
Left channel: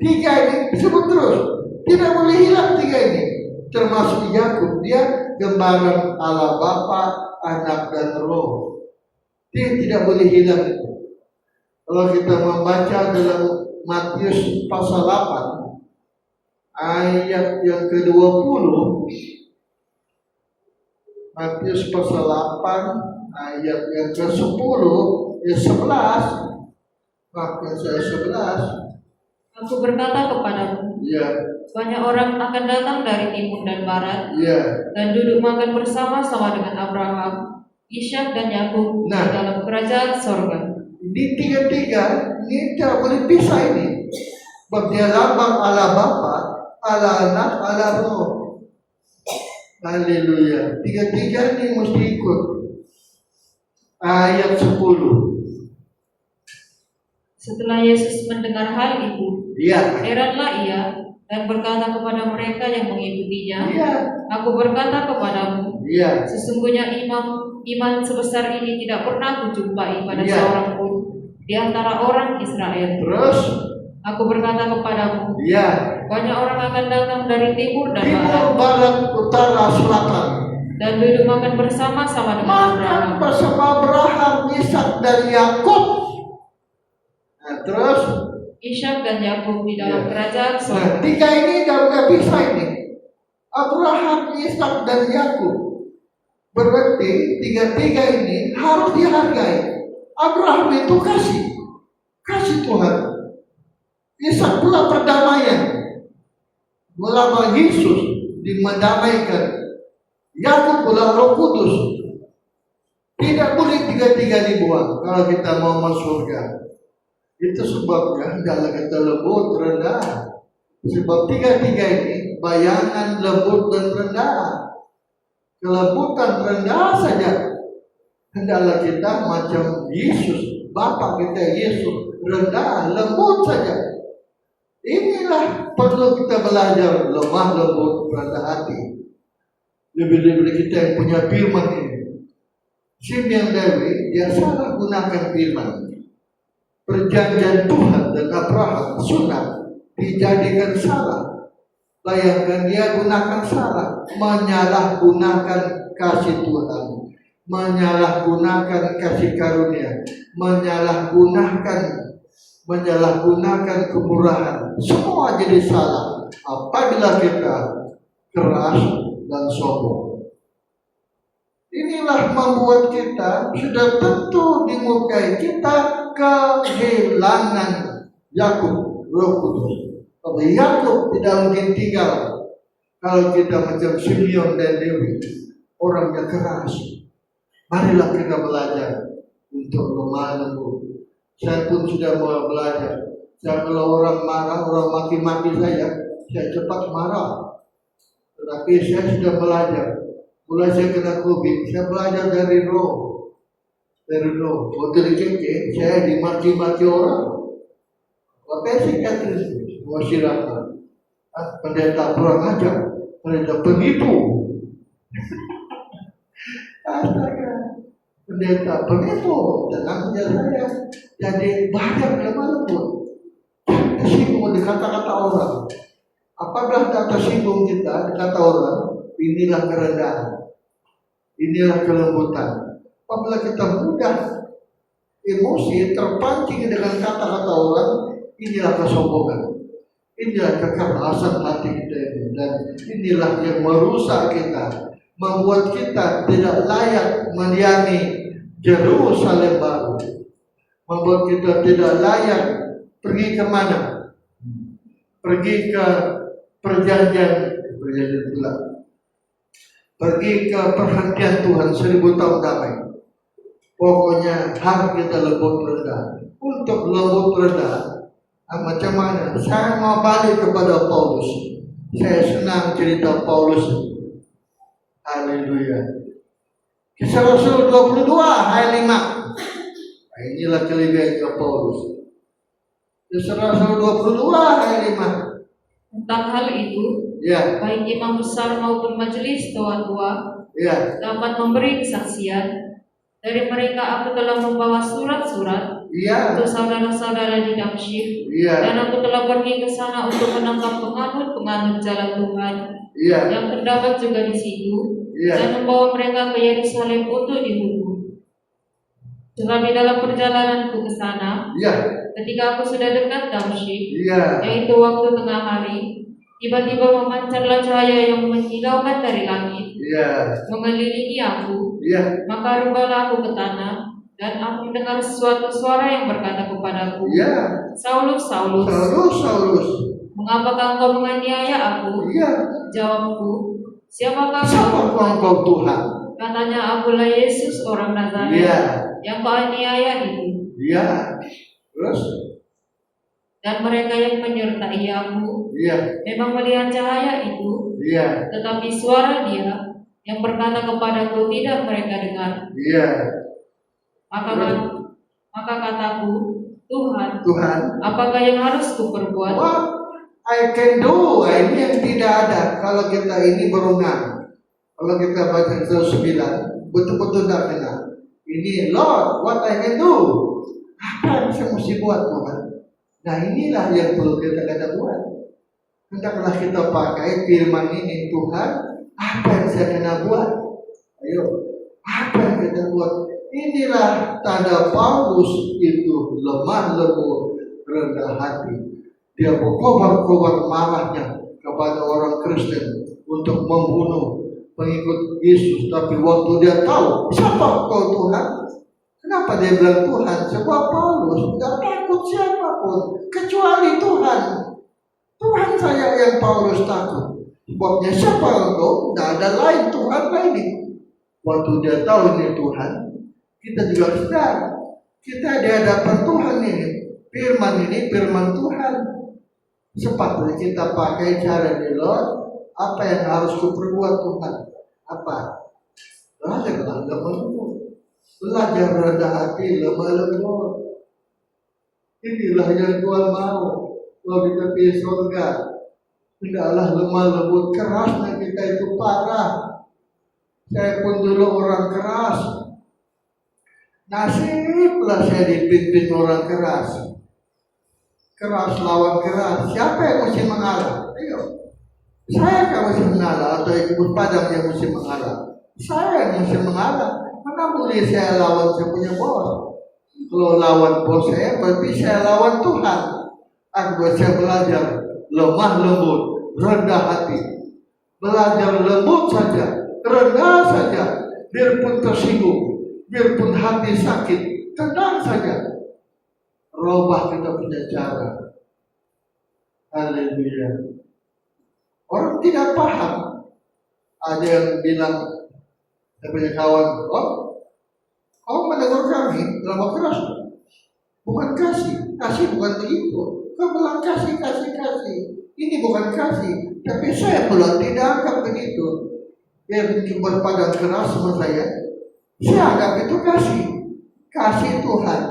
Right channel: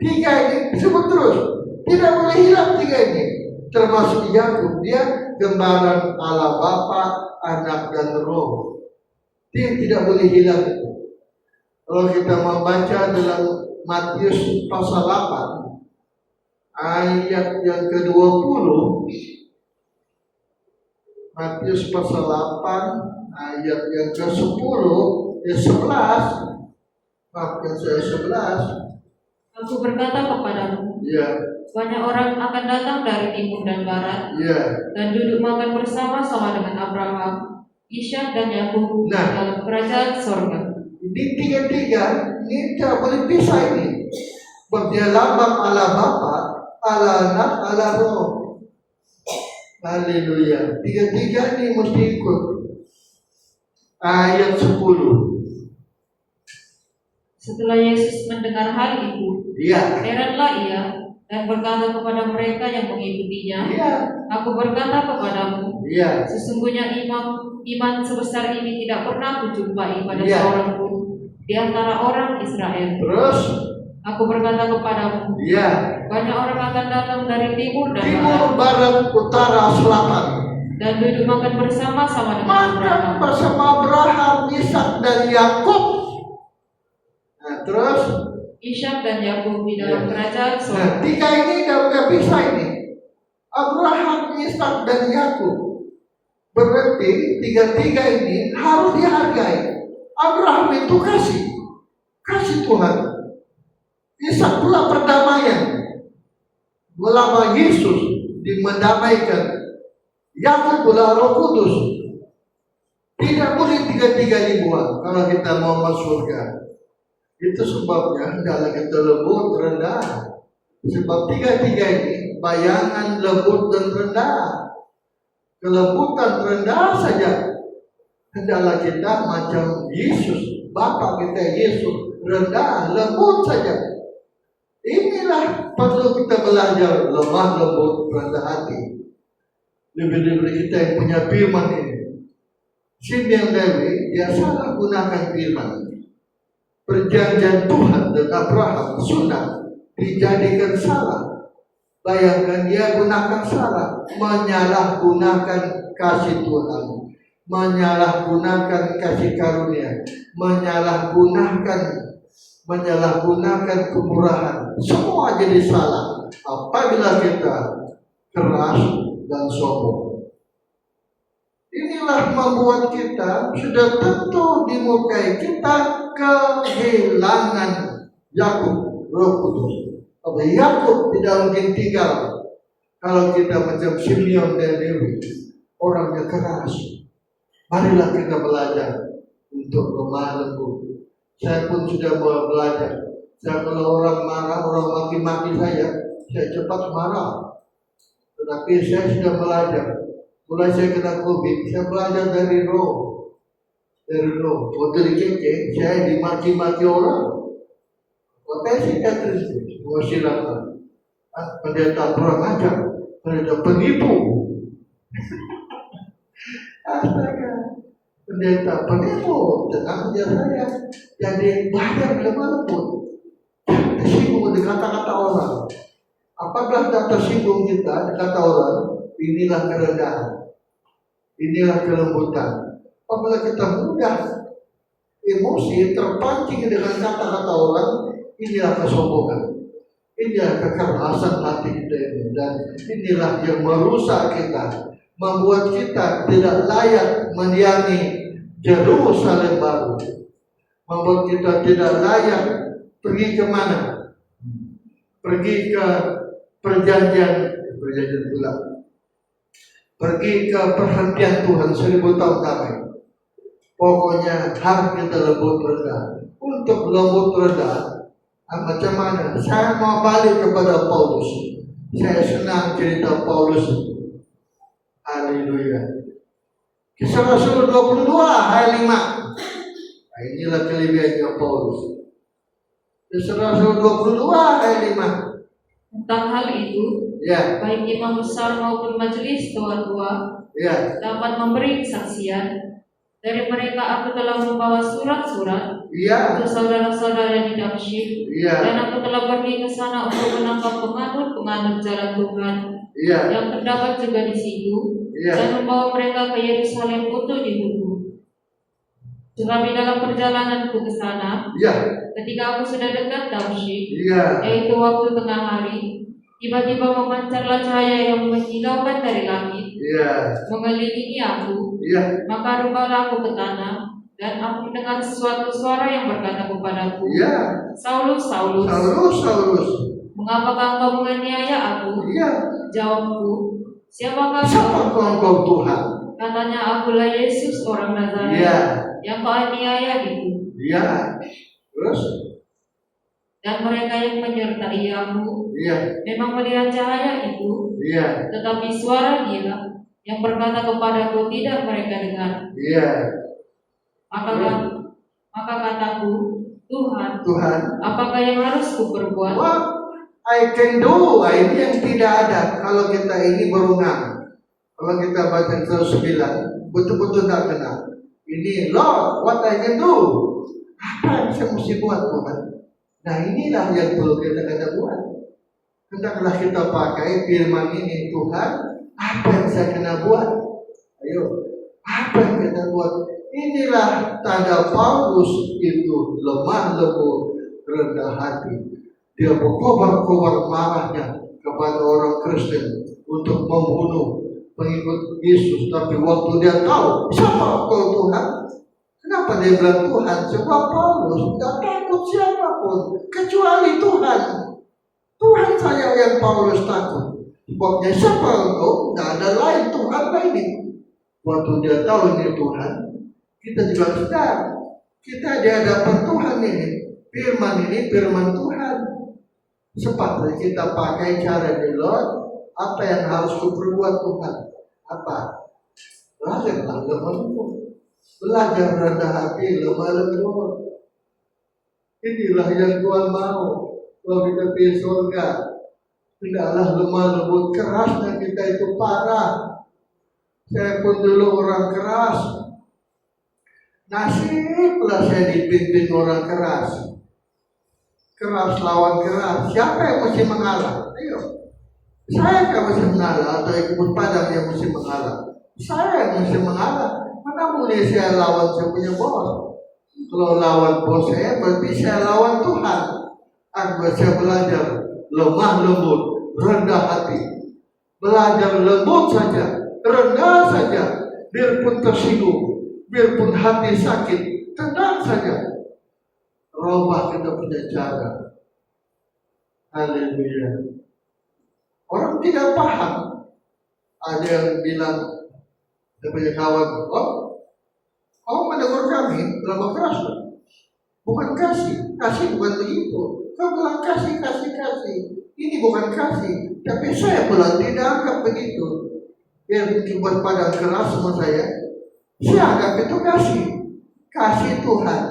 Tiga ini disebut terus, tidak boleh hilang tiga ini. Termasuk Yakub, dia gambaran Allah Bapa, Anak, dan Roh. Dia tidak boleh hilang. Kalau kita membaca dalam Matius pasal 8 ayat yang ke-20, Matius pasal 8 ayat yang ke-10, 11, Matius 11. Aku berkata kepadamu, banyak orang akan datang dari timur dan barat, dan duduk makan bersama-sama dengan Abraham, Ishak, dan Yakub di dalam kerajaan sorga. Di tiga-tiga ini tidak boleh pisah ini. Sebab dia lambang Allah Bapa, Allah Anak, Allah Roh. Haleluya. Tiga-tiga ini mesti ikut. Ayat 10. Setelah Yesus mendengar hal itu, heranlah ia dan berkata kepada mereka yang mengikutinya, aku berkata kepadamu, sesungguhnya iman sebesar ini tidak pernah kujumpai pada seorang pun di antara orang Israel. Terus, aku berkata kepadamu, banyak orang akan datang dari timur dan barat, utara, selatan, dan duduk makan bersama-sama dengan Abraham, bersama Abraham, Ishak, dan Yakub. Nah, terus Ishak dan Yakub di dalam kerajaan sorga. Tiga ini nggak bisa ini. Abraham, Ishak, dan Yakub. Berarti tiga-tiga ini harus dihargai. Abraham itu kasih Tuhan. Ishak pula perdamaian, melalui Yesus dimendamaikan. Yakub pula Roh Kudus. Tidak boleh tiga-tiga dibuang kalau kita mau masuk surga. Itu sebabnya hendaklah kita lembut rendah. Sebab tiga-tiga ini bayangan lembut dan rendah. Kelembutan rendah saja. Hendaklah kita macam Yesus, Bapa kita Yesus, rendah, lembut saja. Inilah perlu kita belajar, lemah lembut, rendah hati. Lebih-lebih kita yang punya firman ini. Simeon Lewi, dia salah gunakan firman. Perjanjian Tuhan dan Abraham sudah dijadikan salah. Bayangkan dia gunakan salah, menyalahgunakan kasih Tuhan, menyalahgunakan kasih karunia, menyalahgunakan kemurahan. Semua jadi salah apabila kita keras dan sombong. Inilah membuat kita sudah tentu dimukai kita kehilangan Yakub, Roh Kudus. Tapi Yakub tidak mungkin tinggal kalau kita macam Simeon dan Lewi, orangnya keras. Marilah kita belajar untuk lemah lembut. Saya pun sudah mulai belajar. Saya kalau orang marah, orang maki-maki saya cepat marah. Tetapi saya sudah belajar Mulai saya kena COVID, saya belajar dari roh. Waktu di KK, saya dimaki-maki orang. Makanya saya Kristus, masyarakat. Pendeta kurang ajar, pendeta penipu. Astaga, pendeta penipu. Jangan ajar saya. Jadi belajar kemana pun. Tersinggung di kata-kata orang. Apabila tak tersinggung kita di kata orang, inilah kerendahan. Inilah kelembutan. Apabila kita mudah emosi terpancing dengan kata-kata orang, inilah kesombongan. Inilah kekerasan hati kita ini. Dan inilah yang merusak kita, membuat kita tidak layak mendiami Yerusalem baru, membuat kita tidak layak pergi kemana? Pergi ke perjanjian pula. Pergi ke perhentian Tuhan 1000 tahun damai. Pokoknya harus kita lembut rendah. Untuk lembut rendah, macam mana? Saya mau balik kepada Paulus. Saya senang cerita Paulus. Haleluya. Kisah Rasul 22 ayat 5. Nah, inilah kelebihan Paulus. Kisah Rasul 22 ayat 5. Tentang hal itu, baik imam besar maupun majelis tua-tua dapat memberi kesaksian. Dari mereka aku telah membawa surat-surat untuk saudara-saudara di Damsyik, dan aku telah pergi ke sana untuk menangkap penganut jalan Tuhan yang terdapat juga di situ, dan membawa mereka ke Yerusalem untuk dihukum. Tetapi dalam perjalananku ke sana, ketika aku sudah dekat Damsyik, yaitu waktu tengah hari, tiba-tiba memancarlah cahaya yang menghilaukan dari langit, mengelilingi aku. Maka rubahlah aku ke tanah, dan aku mendengar sesuatu suara yang berkata kepadaku, Saulus, Saulus, Saulus, mengapa engkau menganiaya aku? Jawabku, siapa engkau Tuhan? Katanya, akulah Yesus orang Nazaret yang kau aniaya itu. Terus? Dan mereka yang menyertai aku memang melihat cahaya itu, tetapi suara Dia yang berkata kepadaku tidak mereka dengar. Maka kataku, Tuhan, apakah yang harus kuperbuat? What I can do, ini yang tidak ada kalau kita ini berunang. Kalau kita baca Mazmur 9, betul-betul tak kenal. Ini Lord, what I can do? Apa yang saya mesti buat, Tuhan? Nah, inilah yang perlu kita buat. Hendaklah kita pakai firman ini, Tuhan, apa yang saya kena buat? Ayo, apa yang kita buat? Inilah tanda Paulus itu lemah lembut, rendah hati. Dia berkobar-kobar marahnya kepada orang Kristen untuk membunuh pengikut Yesus. Tapi waktu dia tahu siapa kau Tuhan, kenapa dia bilang Tuhan? Sebab Paulus tidak takut siapapun kecuali Tuhan. Tuhan saja yang Paulus takut. Sebabnya siapa engkau? Tidak ada lain Tuhan lain. Waktu dia tahu ini Tuhan, kita juga sedar. Kita di hadapan Tuhan ini. Firman ini firman Tuhan. Sepatutnya kita pakai cara ini, Lord. Apa yang harus kuperbuat Tuhan? Apa? Belajar lemah lembut. Belajar rendah hati, lemah lembut. Inilah yang Tuhan mau. Kalau kita pilih surga, tidaklah lemah lembut. Kerasnya kita itu parah. Saya pun dulu orang keras. Nasiblah saya dipimpin orang keras. Keras lawan keras. Siapa yang mesti mengalah? Ayo. Saya yang mesti mengalah atau ikut padang yang mesti mengalah? Saya yang mesti mengalah. Mana boleh saya lawan saya punya bos? Kalau lawan bos saya, berarti saya lawan Tuhan. Aku saya belajar lemah lembut, rendah hati. Belajar lembut saja, rendah saja. Biarpun tersinggung, biarpun hati sakit, tenang saja. Robah kita punya cara. Haleluya. Orang tidak paham. Ada yang bilang, saya punya kawan, kau menegur kami dalam keras. Bukan kasih, kasih bukan begitu. Kau bilang kasih. Ini bukan kasih, tapi saya bilang tidak anggap begitu. dia mungkin berpadan keras sama saya anggap itu kasih Tuhan.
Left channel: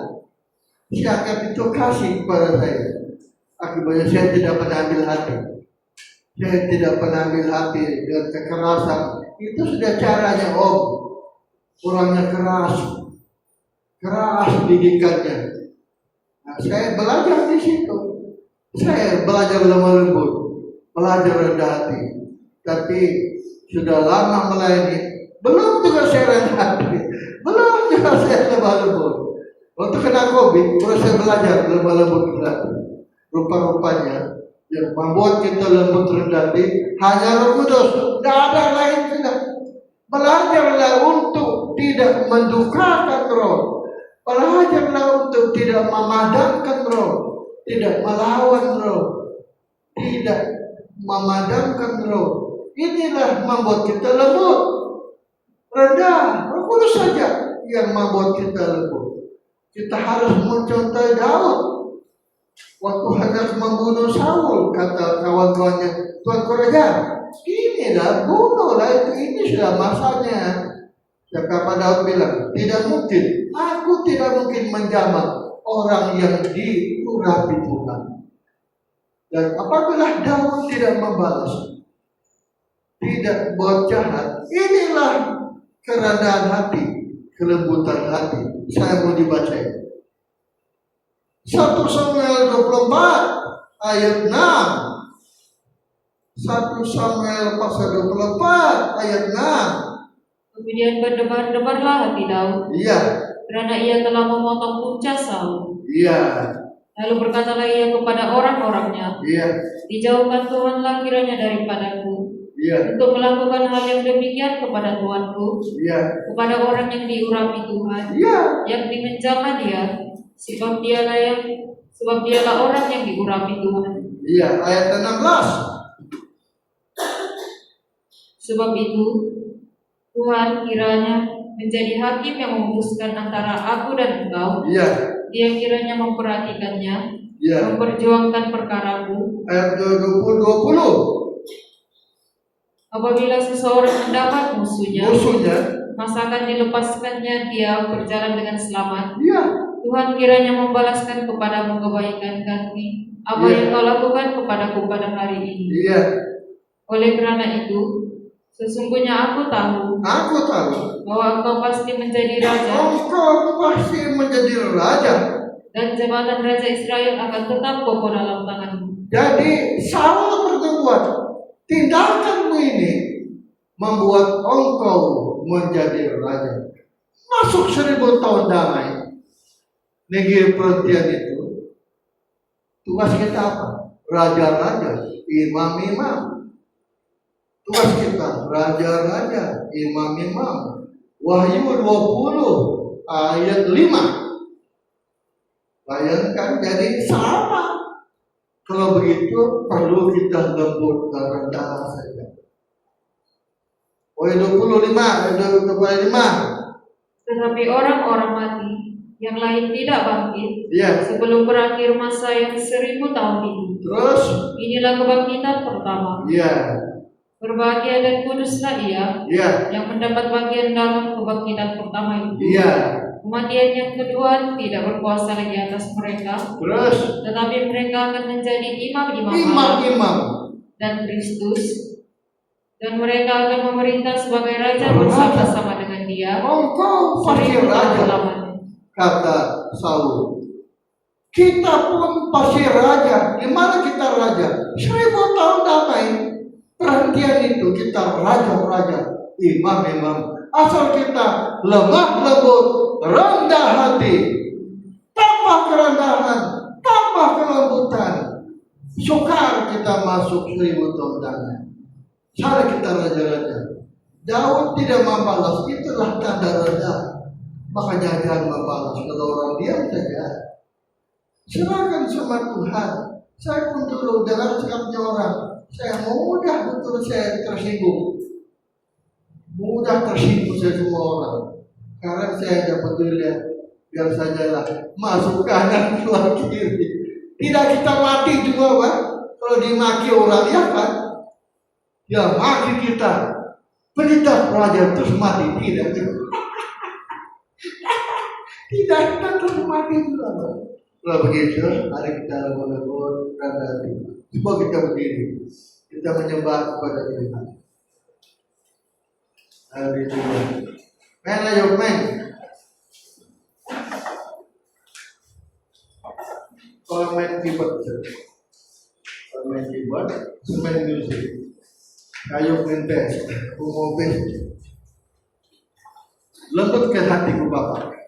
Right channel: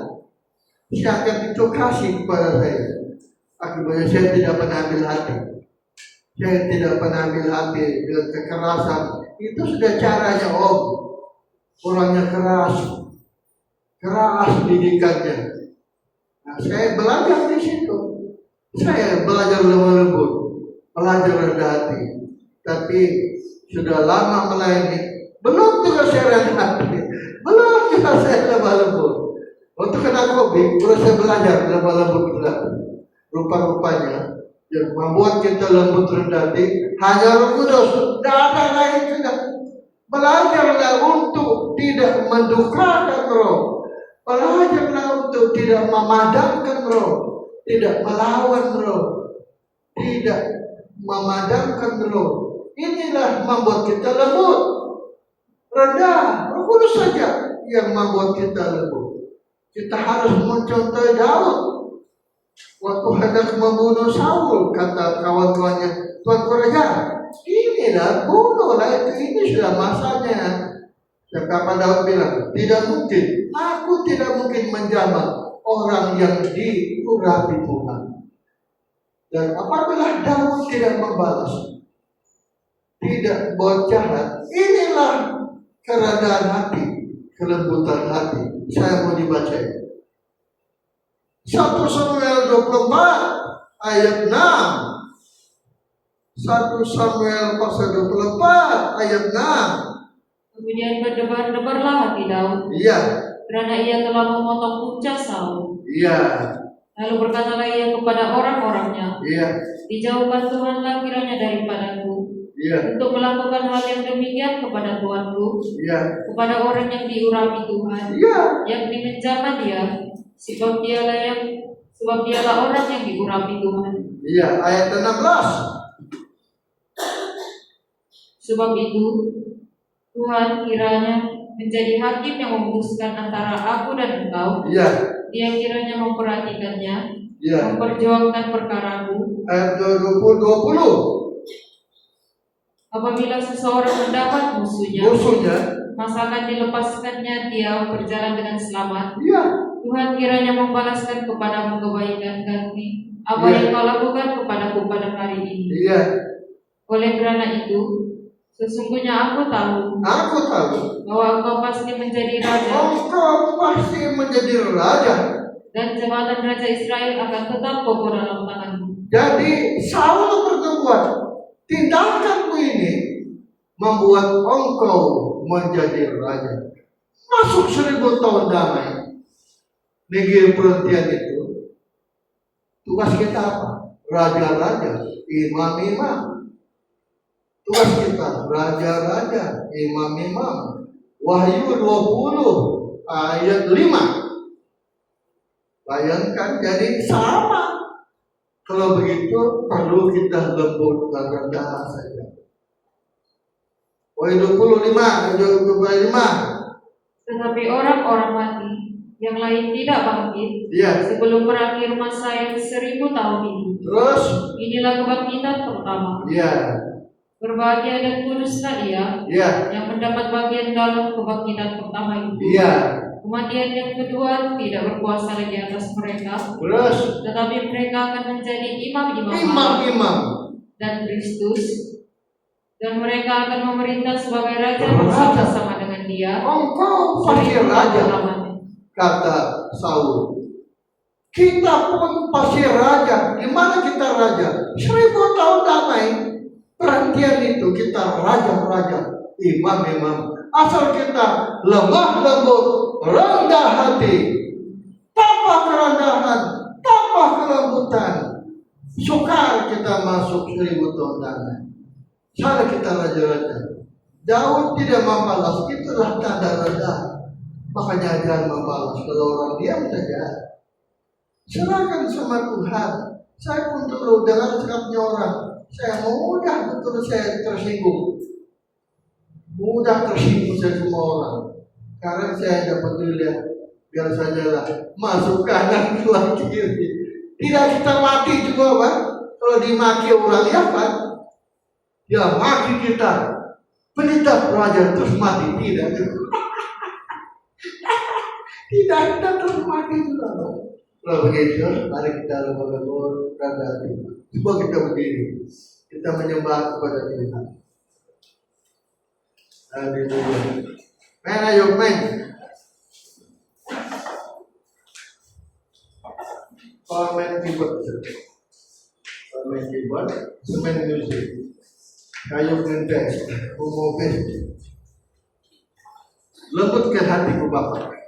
Saya anggap itu kasih kepada saya. Akibatnya saya tidak pernah ambil hati. Saya tidak pernah ambil hati dengan kekerasan. Itu sudah caranya orangnya keras didikannya. Nah, saya belajar di situ. Saya belajar lemah lembut, belajar rendah hati. Tapi sudah lama melayani, belum juga saya rendah hati, belum juga saya lemah lembut. Waktu kena COVID, terus saya belajar lemah lembut rendah hati. Rupa-rupanya yang membuat kita lembut rendah hati hanya Roh Kudus, tidak ada lain juga. Belajarlah untuk tidak mendukakan Roh. Belajarlah untuk tidak memadamkan Roh, tidak melawan Roh, tidak memadamkan Roh. Inilah membuat kita lembut, rendah. Roh Kudus saja yang membuat kita lembut. Kita harus mencontoh Daud. Waktu hendak membunuh Saul, kata kawan-kawannya, Tuan Raja, inilah bunuhlah itu, ini sudah masanya. Dan kata Daud bilang, tidak mungkin, aku tidak mungkin menjamah orang yang diurapi Tuhan. Dan apabila Daud tidak membalas, tidak buat jahat, inilah kerendahan hati, kelembutan hati. Saya mau dibaca 1 Samuel 24 ayat 6. 1 Samuel pasal 24 ayat 6. Kemudian berdebar-debarlah hati Daud. Iya. Karena ia telah memotong punca Saul. Iya. Lalu berkatalah ia kepada orang-orangnya. Iya. Dijauhkan Tuhanlah kiranya daripadaku. Iya. Untuk melakukan hal yang demikian kepada Tuanku. Iya. Kepada orang yang diurapi Tuhan. Iya. Yang menjamah dia. Sebab dialah orang yang diurapi Tuhan. Iya, ayat 16. Sebab itu Tuhan kiranya menjadi hakim yang memutuskan antara aku dan engkau. Iya. Dia kiranya memperhatikannya. Iya. Memperjuangkan perkaramu. Ayat 20. Apabila seseorang mendapat musuhnya, maka akan dilepaskannya dia berjalan dengan selamat. Iya. Tuhan kiranya membalaskan kepadamu kebaikan ganti apa yang kau lakukan kepadaku pada hari ini. Iya. Oleh karena itu, sesungguhnya aku tahu bahwa engkau pasti menjadi raja. Dan jabatan raja Israel akan tetap kokoh dalam tanganmu. Jadi Saul berbuat, tindakanmu ini membuat engkau menjadi raja. Masuk 1000 tahun damai. Negeri perhentian itu tugas kita apa? Raja-raja, imam-imam. Tugas kita raja-raja, imam-imam. Wahyu 20 ayat 5. Bayangkan, jadi sama. Kalau begitu perlu kita lembut dan rendah saja. Wahyu 25 ayat 25. Tetapi orang-orang mati yang lain tidak bangkit sebelum berakhir masa yang 1000 tahun ini. Terus inilah kebangkitan pertama. Berbahagia dan kuduslah dia yang mendapat bagian dalam kebangkitan pertama itu. Kematian yang kedua tidak berkuasa lagi atas mereka. Terus tetapi mereka akan menjadi imam-imam dan Kristus, dan mereka akan memerintah sebagai raja bersama-sama dengan dia. Engkau pasti raja, kata Saul. Kita pun pasti raja. Di mana kita raja? 1000 tahun damai. Perhentian itu kita raja-raja, imam-imam. Asal kita lemah lembut, rendah hati, tanpa kerendahan, tanpa kelembutan, sukar kita masuk 1000 tahun damai. Cara kita raja-raja. Daud tidak membalas, itulah tanda rendah. Makanya jangan membalas. Kalau orang diam saja, serahkan sama Tuhan. Saya pun dulu dengar sikapnya orang, saya mudah betul saya tersinggung. Mudah tersinggung saya semua orang. Karena saya dapat dilihat, biar sajalah masuk kanan keluar kiri. Tidak kita mati juga, Pak. Kalau dimaki orang ya kan, dia maki kita. Pelita pelajar terus mati, tidak. Tidak, kita terus mati juga. Kalau begitu, mari kita berdoa kepada Tuhan. Coba kita berdiri, kita menyembah kepada Tuhan. Haleluya. Men, ayo men. Kalau main keyboard, main musik, ayo ngentes, ngomong lembutkan hatiku Bapak.